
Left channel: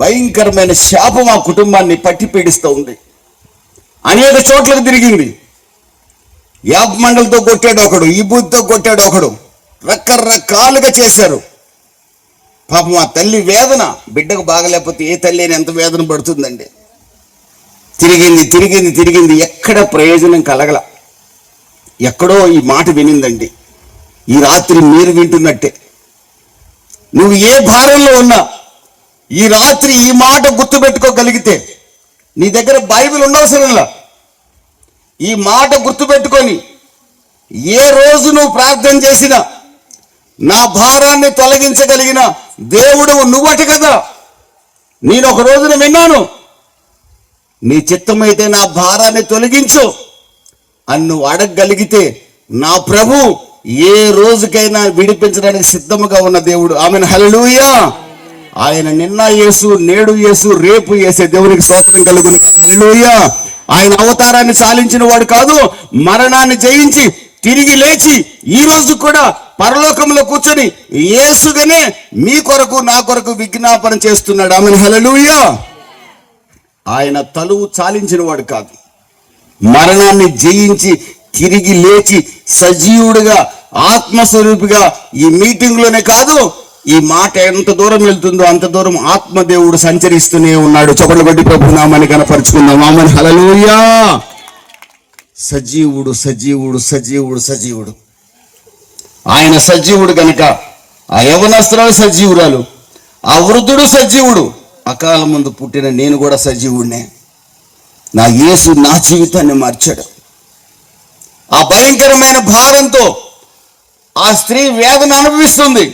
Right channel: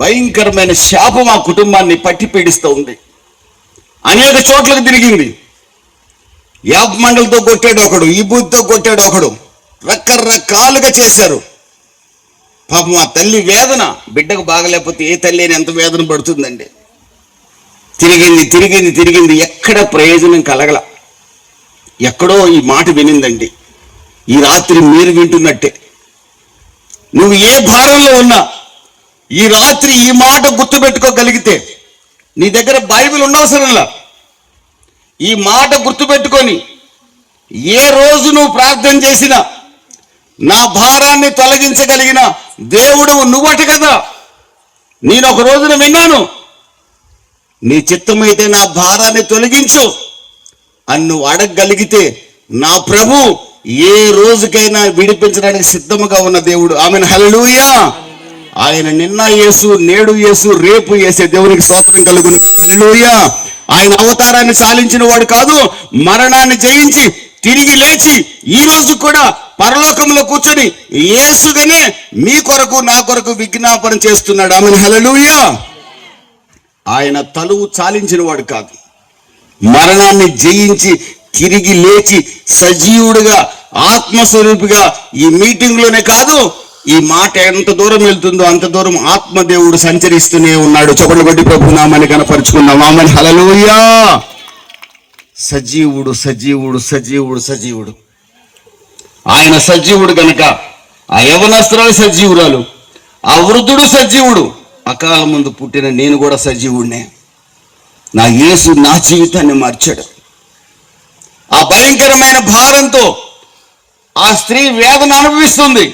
భయంకరమైన శాపం ఆ కుటుంబాన్ని పట్టి పీడిస్తూ ఉంది. అనేక చోట్లకు తిరిగింది. యాప్ మండలతో కొట్టాడు ఒకడు, ఈ బూత్తో కొట్టాడు ఒకడు, రకరకాలుగా చేశారు. పాపం ఆ తల్లి వేదన, బిడ్డకు బాగలేకపోతే ఏ తల్లి అని ఎంత వేదన పడుతుందండి. తిరిగింది, ఎక్కడ ప్రయోజనం కలగల. ఎక్కడో ఈ మాట వినిందండి. ఈ రాత్రి మీరు వింటున్నట్టే, నువ్వు ఏ భారంలో ఉన్నా ఈ రాత్రి ఈ మాట గుర్తుపెట్టుకోగలిగితే, నీ దగ్గర బైబిల్ ఉండవసరంలా, ఈ మాట గుర్తుపెట్టుకొని ఏ రోజు నువ్వు ప్రార్థన చేసినా నా భారాన్ని తొలగించగలిగిన దేవుడు నువ్వట కదా. నేను ఒక రోజున విన్నాను, నీ చిత్తమైతే నా భారాన్ని తొలగించు అని నువ్వు అడగగలిగితే నా ప్రభు ఏ రోజుకైనా విడిపించడానికి సిద్ధముగా ఉన్న దేవుడు. ఆమెను. హల్లెలూయా. ఆయన నిన్న యేసు, నేడు యేసు, రేపు యేసే. దేవునికి స్తోత్రం కలుగును. హల్లెలూయా. ఆయన అవతారాన్ని సాలించిన వాడు కాదు, మరణాన్ని జయించి తిరిగి లేచి ఈ రోజు కూడా పరలోకంలో కూర్చొని యేసుగానే మీ కొరకు నా కొరకు విజ్ఞాపన చేస్తున్నాడు. ఆమెను. హల్లెలూయా. ఆయన తలువు చాలించిన వాడు కాదు, మరణాన్ని జయించి తిరిగి లేచి సజీవుడిగా ఆత్మస్వరూపిగా ఈ మీటింగ్లోనే కాదు, ఈ మాట ఎంత దూరం వెళ్తుందో అంత దూరం ఆత్మదేవుడు సంచరిస్తూనే ఉన్నాడు. చప్పట్లు కొట్టి ప్రభు నామాన్ని కనపరుచుకుందాం. ఆమెను. హల్లెలూయా. సజీవుడు. ఆయన సజీవుడు గనక ఆ యవనస్త్రాలు సజీవురాలు, ఆ వృద్ధుడు సజీవుడు. అకాల ముందు పుట్టిన నేను కూడా సజీవుడినే. నా యేసు నా జీవితాన్ని మార్చాడు. ఆ భయంకరమైన భారంతో ఆ స్త్రీ వేదన అనుభవిస్తుంది.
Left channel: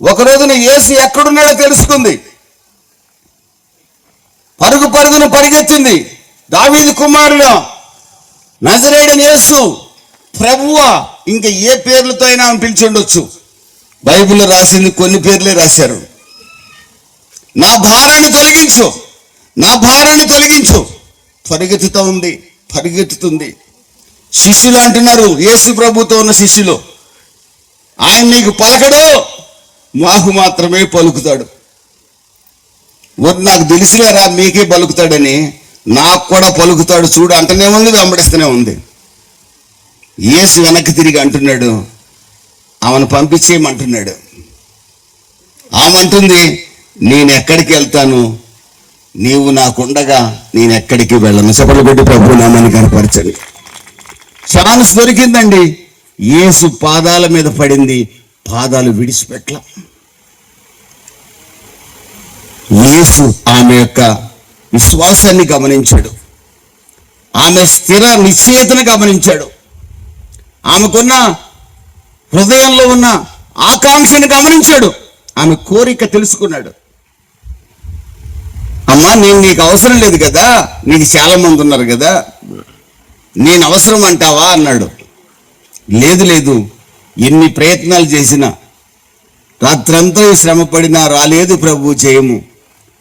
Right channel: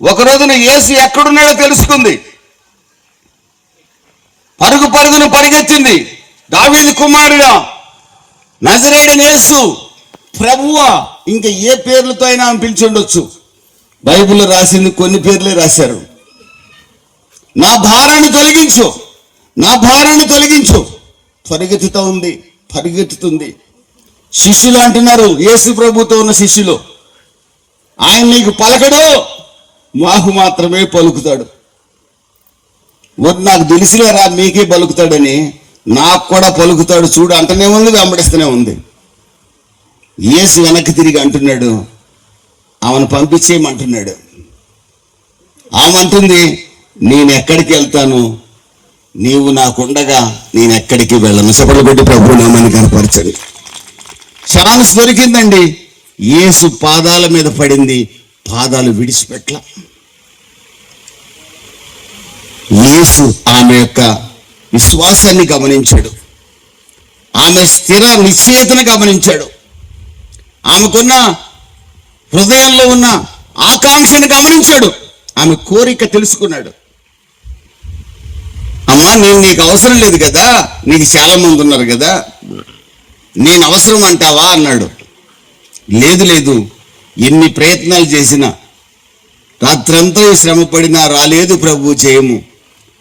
ఒక రోజున యేసు ఎక్కడున్నాడో తెలుసుకుంది. పరుగున పరిగెత్తింది. దావీదు కుమారుడా, నజరేయుడైన యేసు, ప్రభువా, ఇంకా ఏ పేర్లతో అయినా ఆమె పిలిచి ఉండొచ్చు. బైబిల్లో రాసింది కొన్ని పేర్లే రాశారు. నా భారాన్ని తొలగించు. పరిగెత్తుతుంది. శిష్యులు అంటున్నారు, యేసు ప్రభుతో ఉన్న శిష్యులు, ఆయన నీకు పలకడు, మాకు మాత్రమే పలుకుతాడు. నాకు తెలిసిలేరా మీకే పలుకుతాడని, నాకు కూడా పలుకుతాడు చూడు అంటనే ఉంది, వెంబడిస్తూనే ఉంది. యేసు వెనక్కి తిరిగి అంటున్నాడు, ఆమెను పంపించేయమంటున్నాడు. ఆమె అంటుంది, నేను ఎక్కడికి వెళ్తాను, నీవు నాకుండగా నేను ఎక్కడికి వెళ్ళను. చప్పట్లు కొట్టి ప్రభు నామాన్ని కనపరచండి. ఛాన్స్ దొరికిందండి. యేసు పాదాల మీద పడింది, పాదాలు విడిచిపెట్ల. యేసు ఆమె యొక్క విశ్వాసాన్ని గమనించాడు, ఆమె స్థిర నిశ్చయతను గమనించాడు, ఆమెకున్న హృదయంలో ఉన్న ఆకాంక్షను గమనించాడు, ఆమె కోరిక తెలుసుకున్నాడు. అమ్మా, నేను నీకు అవసరం లేదు కదా, నీకు చాలా మంది ఉన్నారు కదా, నేను అవసరం అంటావా అన్నాడు. లేదు లేదు, ఎన్ని ప్రయత్నాలు చేసినా, రాత్రంతా శ్రమ పడినా రాలేదు ప్రభు జయము,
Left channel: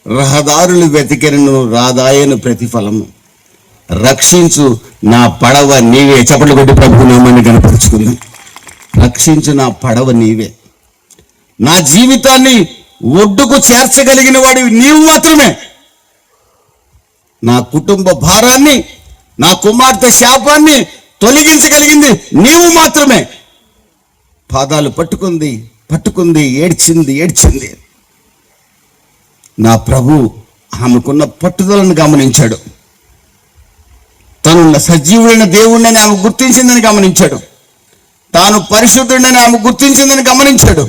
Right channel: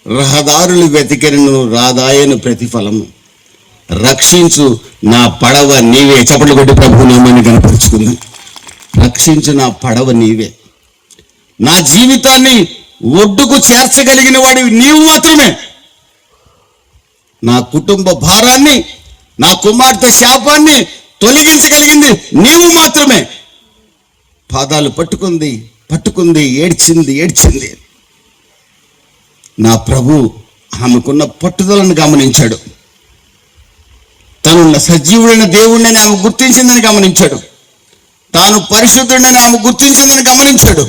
రహదారులు వెతికెను రాదాయను ప్రతిఫలము, రక్షించు నా పడవ నీవే. చప్పట్లు కొట్టి ప్రభు నామాన్ని కనపరుచుకుందాం. రక్షించు నా పడవ నీవే, నా జీవితాన్ని ఒడ్డుకు చేర్చగలిగిన వాడివి నీవు మాత్రమే, నా కుటుంబ భారాన్ని, నా కుమార్తె శాపాన్ని తొలగించగలిగింది నీవు మాత్రమే. పాదాలు పట్టుకుంది, ఏడ్చింది. నా ప్రభు ఆమెకున్న పట్టుదలను గమనించాడు, తను సజీవుడైన దేవుడిని ఆమె గుర్తించిందని గమనించాడు, తాను పరిశుద్ధుడని ఆమె గుర్తించిందని గమనించాడు,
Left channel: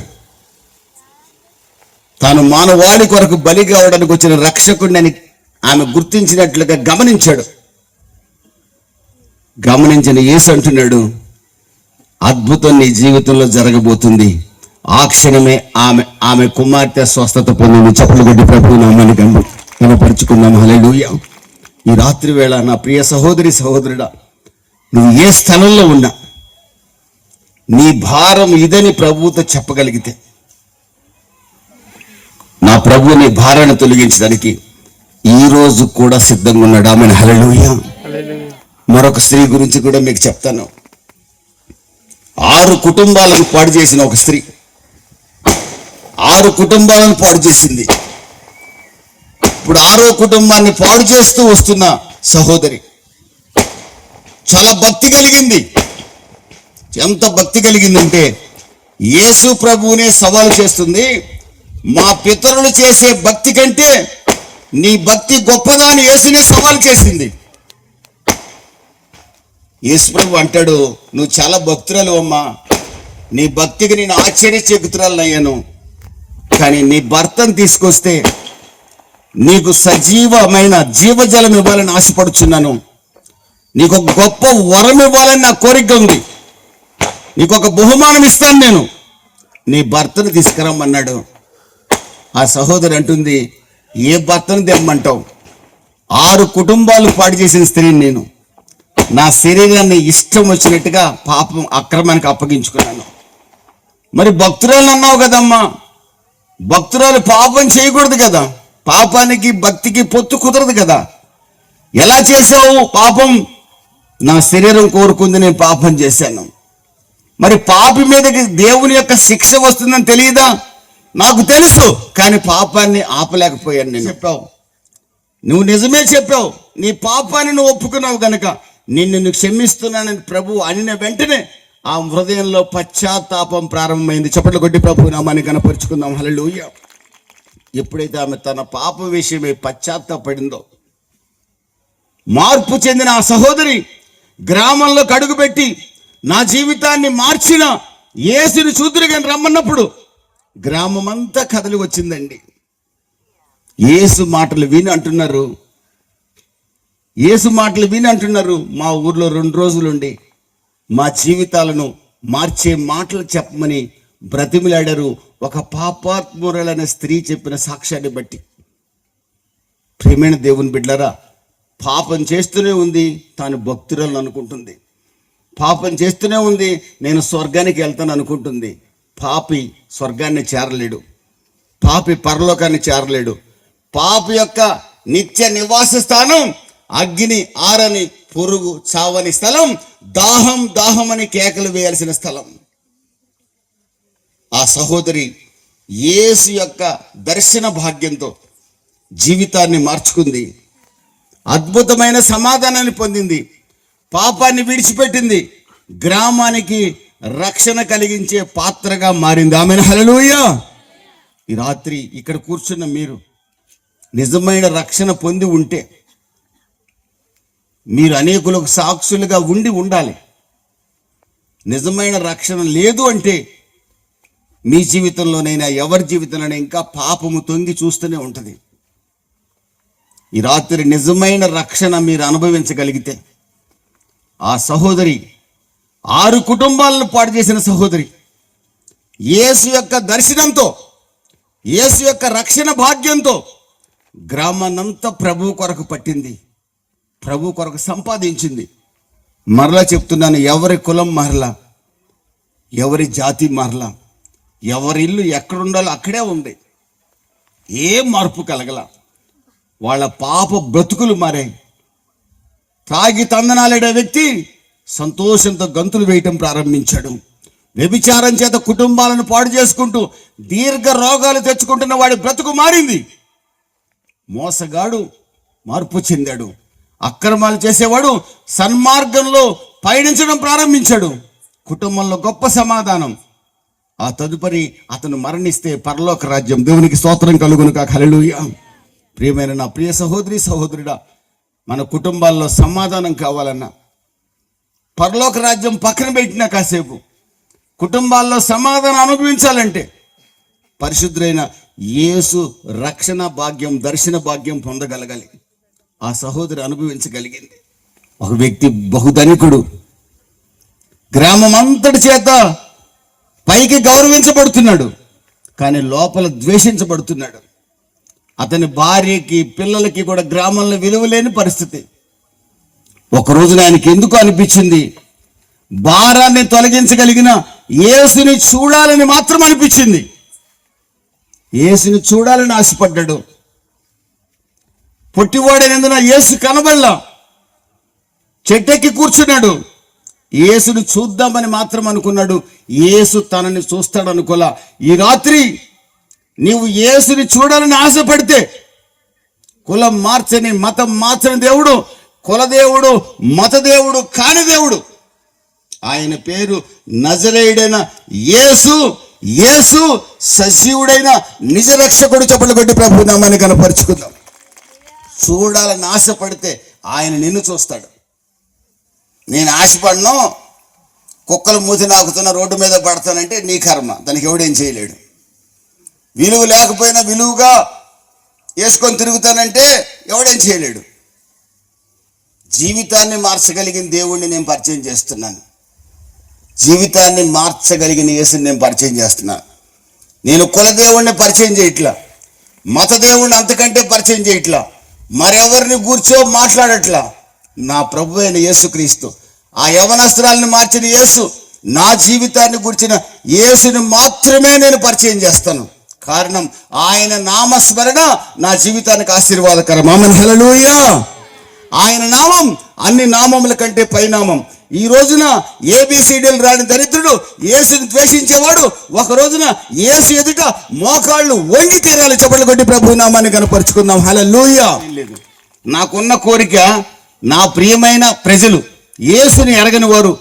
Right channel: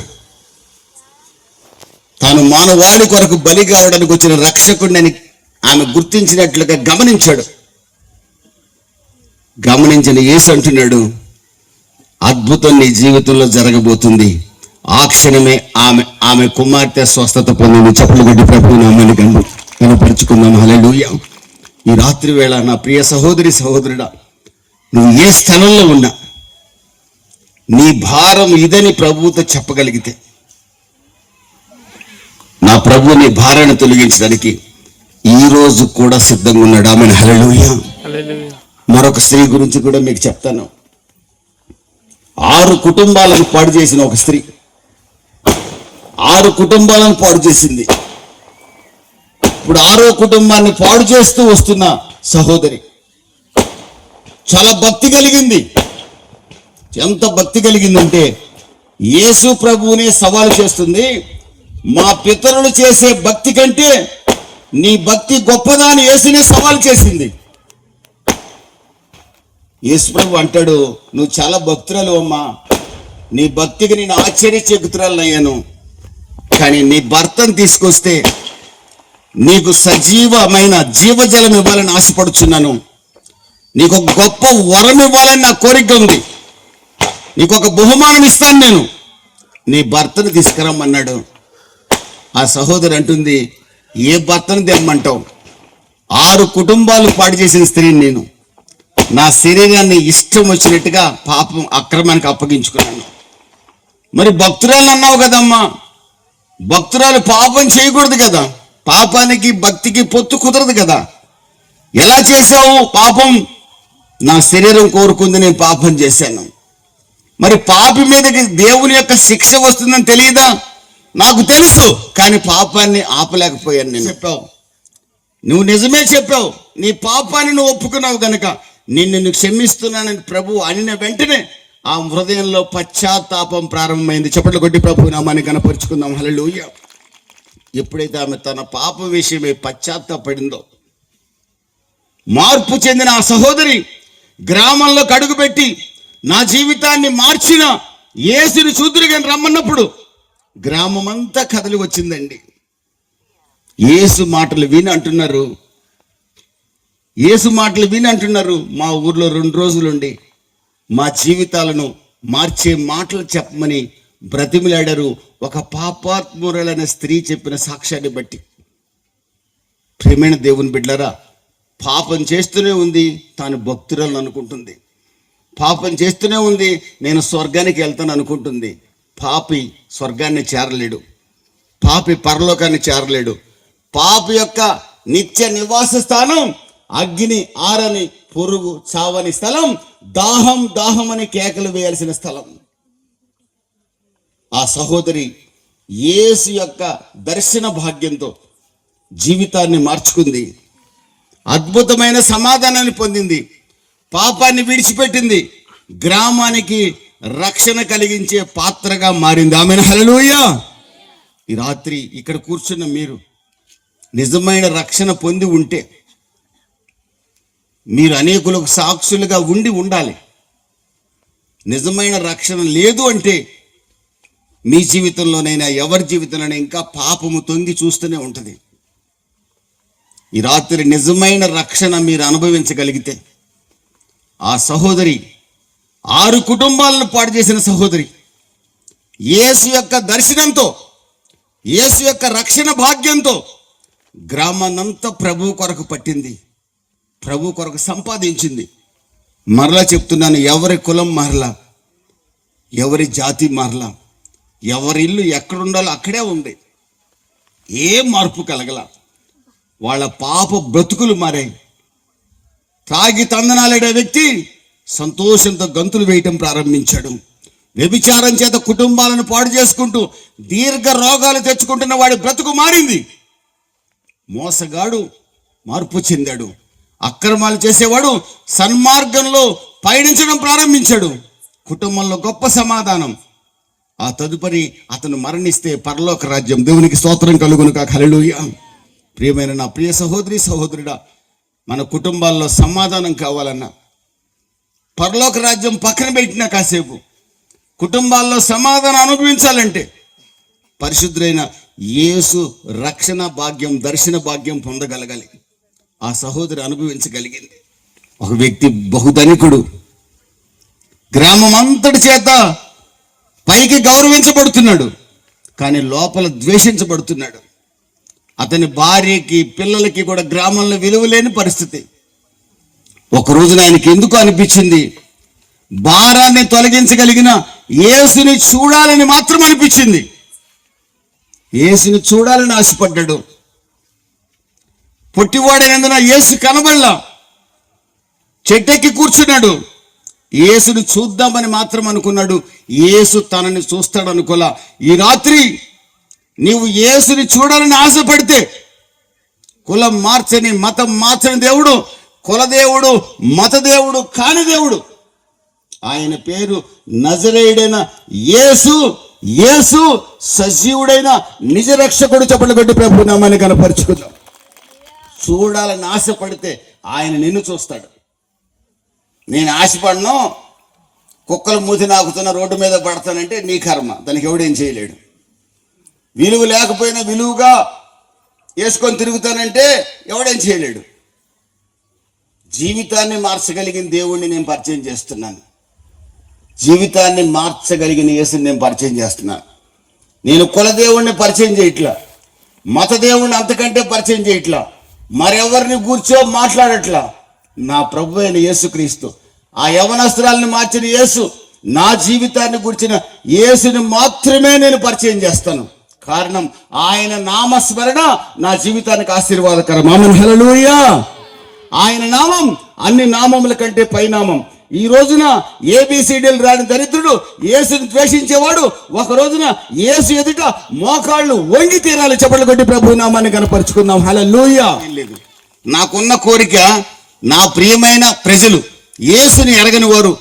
తాను మానవాళి కొరకు బలి కావడానికి వచ్చిన రక్షకుడిని ఆమె గుర్తించినట్లుగా గమనించాడు. గమనించిన యేసు అంటున్నాడు, అద్భుతం నీ జీవితంలో జరగబోతుంది. ఆ క్షణమే ఆమె కుమార్తె స్వస్థత పొందింది. చప్పట్లు కొట్టి ప్రభు నామాన్ని కనపరుచుకుందాం. హల్లెలూయా. ఈ రాత్రి వేళ నా ప్రియ సహోదరుడా, నువ్వు ఏ స్థలంలో ఉన్నా నీ భారం ఇదని ప్రభువుతో చెప్పగలిగితే, నా ప్రభు నీ భారాన్ని తొలగించడానికి ఈ రోజు కూడా సిద్ధంగా ఉన్నాడు. ఆమె హల్లెలూయా. మరొక స్త్రీ గురించి కూడా మీకు చెప్తాను. 6 కుటుంబాలను పాడు చేసిన ఒక స్త్రీ, 6 కుటుంబాలను పాడు చేసింది. ఇప్పుడు 6వ కుటుంబాన్ని పాడు చేస్తూ వస్తున్న సహోదరి చాలా భక్తి కలిగింది. ఎంత భక్తి కలిగిందంటే యేసు ప్రభువునే సవాలు చేస్తుంది. మా పితరులు చేసే భక్తి కంటే నీ భక్తి గొప్పదా అని యేసునే సవాలు చేసింది. యేసు ప్రభు అంటాడు, నువ్వు చాలా భక్తురాలు అమ్మా, నీ భక్తికి నేను ఆశ్చర్యచకితురాలు అయ్యాను, కానీ నీ భర్తను తీసుకొస్తే నీకు సజీవమైన జీవజలం ఇవ్వాలని ఆశపడుచున్నాను, నీకు ఒక గొప్ప వరం ఇవ్వాలని నా కోరిక ఉంది, నీకు ఒక బహుమానం ఇస్తాను, నేను నీ భర్తను తీసుకురమ్మన్నాడు. ఆ సహోదరి అంటుంది, ఏ భర్తను తెమ్మంటావు? 6 కుటుంబాలు పాడు చేసిన స్త్రీని నేను, నా శరీరాన్ని ఇష్టం వచ్చినట్టుగా పాపం అక్రమానికి అప్పగించుకున్నాను. మరి భక్తురాలు అన్నావు కదమ్మా, భక్తురాలు పాపం చేయకూడదు కదా, పాపానికి భక్తికి పొత్తు కుదరదు కదా, ఎలా చేశావు పాపం? నా శరీరం కోరుకుంది, నేను పాపం చేశాను. మరి పాపి మీదకి దేవుని యొక్క శిక్ష వస్తుందని తెలియదా? నాకు తెలుసు, కానీ పాపాన్ని ఆపలేకపోయాను. నేను చెప్పావు, నువ్వు నిజమే చెప్పావు, నీ పాపాన్ని నువ్వు ఒప్పుకున్నావు కనుక నిన్ను క్షమిస్తున్నానని ప్రభు అనిన వెంటనే ఆ హృదయంలో పశ్చాత్తాపం ప్రారంభమైంది. చప్పట్లు కొట్టి ప్రభు నామాన్ని కనపరుచుకుందాం. హల్లెలూయా. ఎప్పుడైతే ఆమె తన పాపం విషయమై పశ్చాత్తాపడిందో, మార్పు చెందిన ఆ సహోదరి గ్రామంలో అడుగుపెట్టి నా జీవితాన్ని మార్చిన యేసుని చూదురుగా రమ్మన్నప్పుడు గ్రామమంతా కదలి వచ్చిందండి. యేసు మాటలు విని అంటున్నారు, మా ఊర్లో 2 రోజులుండి మా జీవితాలను మార్చే మాటలు చెప్పమని బ్రతిమిలాడారు. ఒక పాపాత్మురాలైన స్త్రీ చెప్పిన సాక్ష్యాన్ని బట్టి. ప్రియమైన దేవుని బిడ్డలారా, పాపం చేస్తూనే ఉంది, తాను భక్తురాలను అనుకుంటుంది. పాపం చేస్తూనే ఉంది, నేను స్వర్గానికి వెళ్తాను అనుకుంటుంది. పాపి స్వర్గాన్ని చేరలేడు, పాపి పరలోకాన్ని చేరలేడు. పాపి యొక్క నిత్య నివాస స్థానం అగ్ని ఆరని పురుగు చావని స్థలం, దాహం అని కేకలు వేయాల్సిన స్థలం. ఆ సహోదరి యేసు యొక్క దర్శన భాగ్యంతో జీవితాన్ని మార్చుకుంది, అద్భుతమైన సమాధానాన్ని పొందింది, పాపాన్ని విడిచిపెట్టింది, గ్రామానికి రక్షణ కలిగించే పాత్రగా మారింది. ఆమెను హల్లెలూయా. ఈ రాత్రి ఇక్కడ కూర్చున్న మీరు నిజమైన రక్షణ పొంది ఉంటే మీరు అనేకులకు సాక్షులుగా ఉండాలి. నిజమైన రక్షణ లేదు అంటే మీ జీవితంలోనైనా ఎవరి జీవితంలోనైనా ఇంకా పాపము తొంగి చూస్తూనే ఉంటుంది. ఈ రాత్రి నిజమైన రక్షణ మీరు అనుభవించగలిగితే, ఆ సహోదరి 6 కుటుంబాలను పాడు చేసిన సహోదరి యేసు యొక్క దర్శనంతో, యేసు యొక్క రక్షణ భాగ్యంతో గ్రామాన్నంతా ప్రభు కొరకు పట్టింది, ప్రభు కొరకు సంపాదించింది. మరలా చెప్తున్నాను, ఎవరి కులం మారలా, ఎవరి జాతి మారలా, ఎవరి ఇల్లు ఎక్కడుండాలో అక్కడే ఉంది, ఏం మార్పు కలగల. వాళ్ళ పాప బ్రతుకులు మారాయి. తాగి తందనాలే వ్యక్తి సంతోషంతో గంతులు వేయటం ప్రారంభించాడు. వ్యభిచారం చేత కుటుంబాలను పాడు చేసుకుంటూ దీర్ఘ రోగాలు తెచ్చుకుంటున్న వాడి బ్రతుకు మారింది. మోసగాడు మార్పు చెందాడు. అక్రమాలు చేసేవాడు సన్మార్గంలో పయనించడం ప్రారంభించాడు. కుటుంబంలో గొప్ప సమాధానం. ఆ తదుపరి అతను మరణిస్తే పరలోక రాజ్యం. దేవునికి స్తోత్రం కలుగును కాక. హల్లెలూయా. ప్రియమైన నా ప్రియ సహోదరి సహోదరుడా, మన కుటుంబాల్లో సమాధానం కావాలన్నా, పరలోక రాజ్యం పక్కన పెట్టినా కాసేపు కుటుంబాల్లో సమాధానం అనుభవించాలంటే పరిశుద్ధులైన యేసు రక్షణ భాగ్యం, దర్శన భాగ్యం పొందగలగాలి. ఆ సహోదరి అనుభవించగలిగింది. ఒక వ్యక్తి బహుధనికుడు, గ్రామం అంతటి చేత పైకి గౌరవించబడుతున్నాడు, కానీ లోపల ద్వేషించబడుతున్నాడు. అతని భార్యకి పిల్లలకి కూడా గ్రామంలో విలువ లేని పరిస్థితి. ఒక రోజున ఆయనకి ఎందుకు అనిపించింది, భారాన్ని తొలగించగలిగిన యేసుని చూడాలని మాత్రం అనిపించింది. యేసుని చూడాలని ఆశపడ్డాడు. పొట్టివాడైనందున యేసు కనబడలా. చెట్టెక్కి కూర్చున్నాడు. యేసుని చూద్దామని మాత్రం అనుకున్నాడు. యేసు తనని చూస్తాడు అనుకోలా. ఈ రాత్రి నీవు యేసుని చూడాలని ఆశపడితే, కులం మార్చని, మతం మార్చని దేవుడు, కులదేవుడు, మతదేవుడు కాని దేవుడు, ఆయన పేరు నజరేయుడైన యేసు. యేసు సజీవుడైన నిజ రక్షకుడు. చప్పట్లు కొట్టి ప్రభు నామాన్ని కనపరుచుకుందాం. చూడాలని ఆశపడితే ఆయన నిన్ను చూస్తాడు. నేను ఆశపడను, కుక్కలు మూతి నాకుతున్న రోడ్డు మీద పడతానంటే నీ కర్మ, దానికి ఎవడేం చేయలేడు. విలువ లేకపోయినా విలువగా వేసుకొని తిరుగుతానంటే ఎవడేం చేయలేడు. జీవితాన్ని మార్చగలిగిన దేవుణ్ణి నేను పరిచయం చేస్తున్నాను. జీవితాన్ని మార్చగలిగిన యేసుని నేను పరిచయం చేస్తున్నాను. నేను కులదేవుణ్ణి పరిచయం చేయట్లా, మత దేవుణ్ణి అంతకంటే పరిచయం చేయట్లా, మరెవరిని కూర్చో మాట్లాడట్లా. నా ప్రభు అయిన యేసుక్రీస్తు, ఆ యవనస్త్రాలను మార్చిన యేసు, నా జీవితాన్ని గురించిన యేసుని మాత్రమే నేను పరిచయం చేస్తాను. కారణం ఆయన నామస్మరణ నా జీవితానికి ఆశీర్వాదకరం. ఆమేన్, హల్లెలూయా. ఆయన నామం అన్ని నామముల కంటే పైనామం. ఈ రోజున ఏబిసిడీలు రాని దరిద్రుడు, యేసుని ద్వేషించేవాడు, ఒక రోజున యేసు ఎదుట మోకాళ్ళు వంగి తీరాలి. చప్పట్లు కొట్టి ప్రభు నామాన్ని కనపరుచుకుందాం. హల్లెలూయా. నాకున్న కోరిక, నా ప్రియమైన ప్రజలు, యేసుని ఎరగని వారు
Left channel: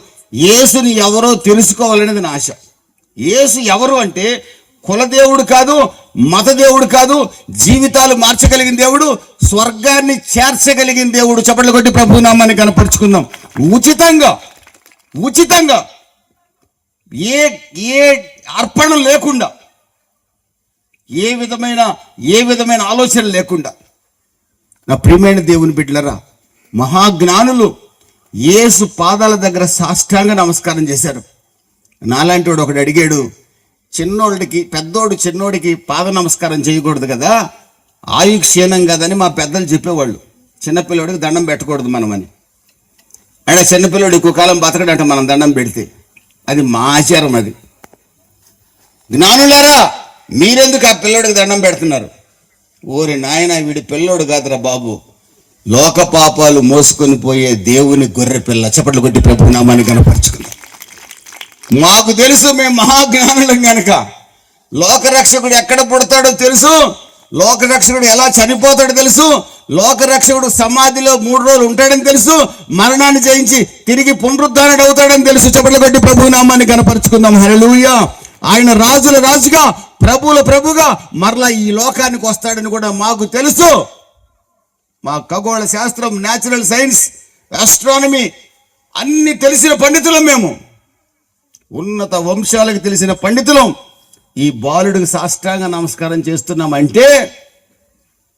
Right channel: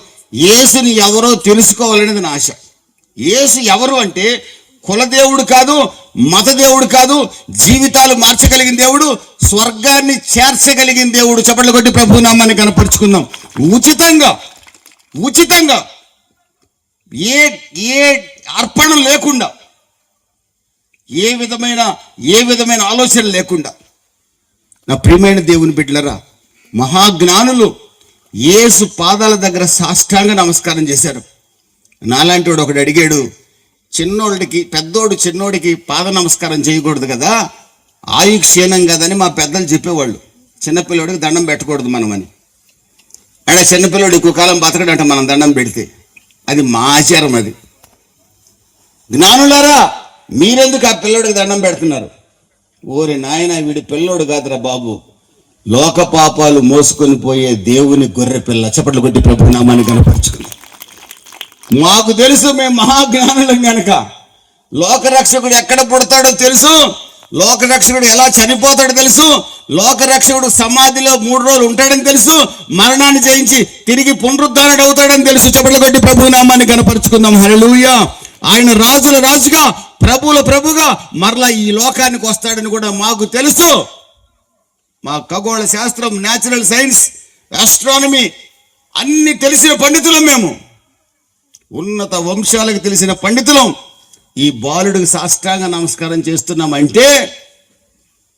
యేసుని ఎవరో తెలుసుకోవాలనేది నా ఆశ. యేసు ఎవరు అంటే కులదేవుడు కాదు, మతదేవుడు కాదు, జీవితాలు మార్చగలిగిన దేవుడు, స్వర్గాన్ని చేర్చగలిగిన దేవుడు. చప్పట్లు కొట్టి ప్రభు నామాన్ని కనపరుచుకుందాం. ఉచితంగా ఏ అర్పణ లేకుండా, ఏ విధమైన ఆలోచన లేకుండా. నా ప్రియమైన దేవుని బిడ్డలరా, మహాజ్ఞానులు యేసు పాదాల దగ్గర సాష్టాంగ నమస్కారం చేశారు. నాలాంటి వాడు ఒకడు అడిగాడు, చిన్నోడికి పాద నమస్కారం చేయకూడదు కదా, ఆయు క్షీణం కదని మా పెద్దలు చెప్పేవాళ్ళు. చిన్నపిల్లడికి దండం పెట్టకూడదు మనమని. అంటే చిన్నపిల్లడు ఎక్కువ కాలం బతకడంట మనం దండం పెడితే. అది మా ఆచారం. అది జ్ఞానులారా, మీరెందుకు ఆ పిల్లోడికి దండం పెడుతున్నారు? ఓరి నాయన, వీడి పిల్లోడు కాదురా బాబు, లోక పాపాలు మోసుకొని పోయే దేవుని గొర్రె పిల్ల. చప్పట్లు కొట్టి ప్రభు నామాన్ని కనపరుచుకుందాం. మాకు తెలుసు, మేము మహాజ్ఞానులం కనుక. లోకరక్షకుడు ఎక్కడ పుడతాడో తెలుసు, లోకరక్షకుడు ఎలా చనిపోతాడో తెలుసు, లోకరక్షకుడు సమాధిలో 3 రోజులు ఉంటాడని తెలుసు, మరణాన్ని జయించి తిరిగి పునరుద్ధరణుడు అవుతాడని తెలుసు. చప్పట్లు కొట్టి ప్రభు నామాన్ని కనపరుచుకుందాం. హల్లెలూయా. ఆయన రాజుల రాజుగా, ప్రభువుల ప్రభుగా మరలా ఈ లోకానికి వస్తాడని కూడా మాకు తెలుసు. మా ఖగోళ శాస్త్రం, న్యాచురల్ సైన్స్, ఆస్ట్రానమీ అన్ని తెలిసిన పండితులం మేము. ఉన్నత వంశాలకు తెలిసిన పండితులం. ఈ బాలుడికి సాష్టాంగ నమస్కారం చేస్తున్నామంటే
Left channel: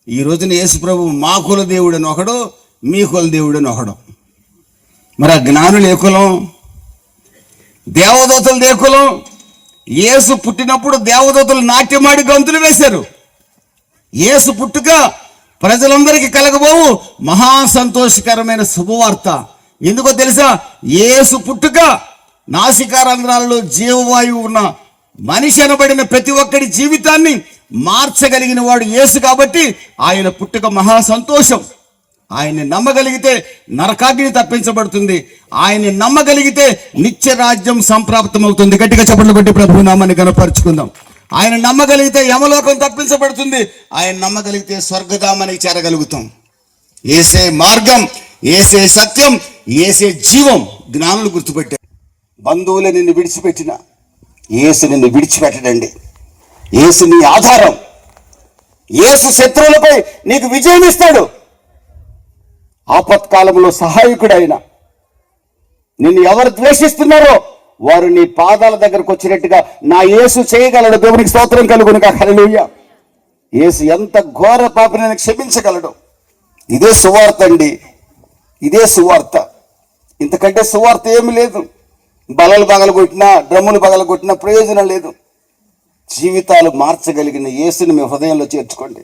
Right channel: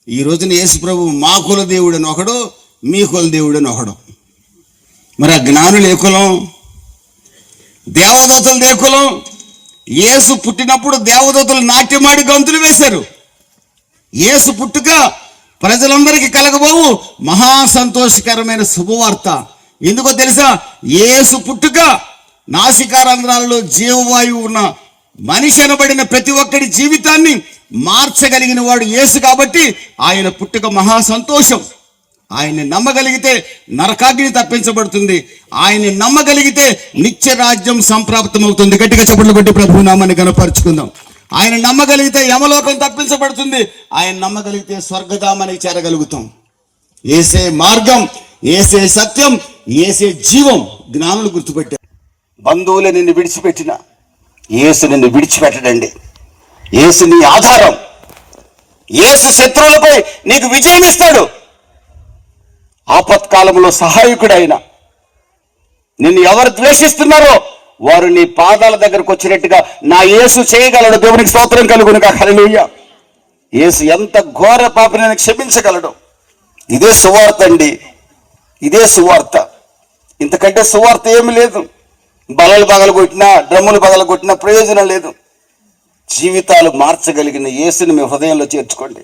ఈ రోజున యేసు ప్రభు మా కుల దేవుడు అని ఒకడు, మీ కుల దేవుడు అని ఒకడు. మరి ఆ జ్ఞానులు ఏ కులం? దేవదూతలు ఏ కులం? యేసు పుట్టినప్పుడు దేవదూతలు నాట్యమాడి గంతులు వేశారు. యేసు పుట్టుక ప్రజలందరికీ కలగబోవు మహా సంతోషకరమైన శుభవార్త. ఎందుకో తెలుసా? యేసు పుట్టుక నాసికారంధ్రాలలో జీవవాయువు ఉన్న మనిషి అనబడిన ప్రతి ఒక్కడి జీవితాన్ని మార్చగలిగిన వాడు యేసు. కాబట్టి ఆయన పుట్టుక మహా సంతోషం. ఆయన్ని నమ్మగలిగితే నరకాగ్ని తప్పించబడుతుంది. ఆయన్ని నమ్మగలిగితే నిత్య రాజ్యం సంప్రాప్తమవుతుంది. గట్టిగా చప్పట్లు కొట్టి ప్రభు నామాన్ని కనపరుచుకుందాం. ఆయన నమ్మగలిగితే యమలోకం తప్పించబడుతుంది. ఆయన నమ్మగలిగితే స్వర్గధామానికి చేరగలుగుతాం. ఏసే మార్గం, ఏసే సత్యం, ఏసే జీవం. జ్ఞానులు గుర్తుపెట్టారు. బంధువులే నిన్ను విడిచిపెట్టిన యేసు నిన్ను విడిచిపెట్టడండి. యేసు నీ ఆధారం. యేసు శత్రువులపై నీకు విజయం ఇస్తాడు. ఆపత్కాలంలో సహాయకుడు ఆయన. నిన్ను ఎవరు ద్వేషిస్తున్నారో వారు నీ పాదాల దగ్గరకు వచ్చినట్టుగా నా యేసు చేయగలడు. దేవునికి స్తోత్రం కలుగును గాక. హల్లెలూయా. యేసు ఎంత ఘోర పాపిని క్షమించగలడు. ఇదే సువార్త అండి. ఇదే సువార్త. ఇంతకంటే సువార్త ఏమి లేదు. బలలు పగలగొట్టినా, డ్రమ్ములు పగలగొట్టినా ప్రయోజనం లేదు. జీవితాలు మార్చగలిగిన యేసుని మీ హృదయంలో చేర్చుకోండి.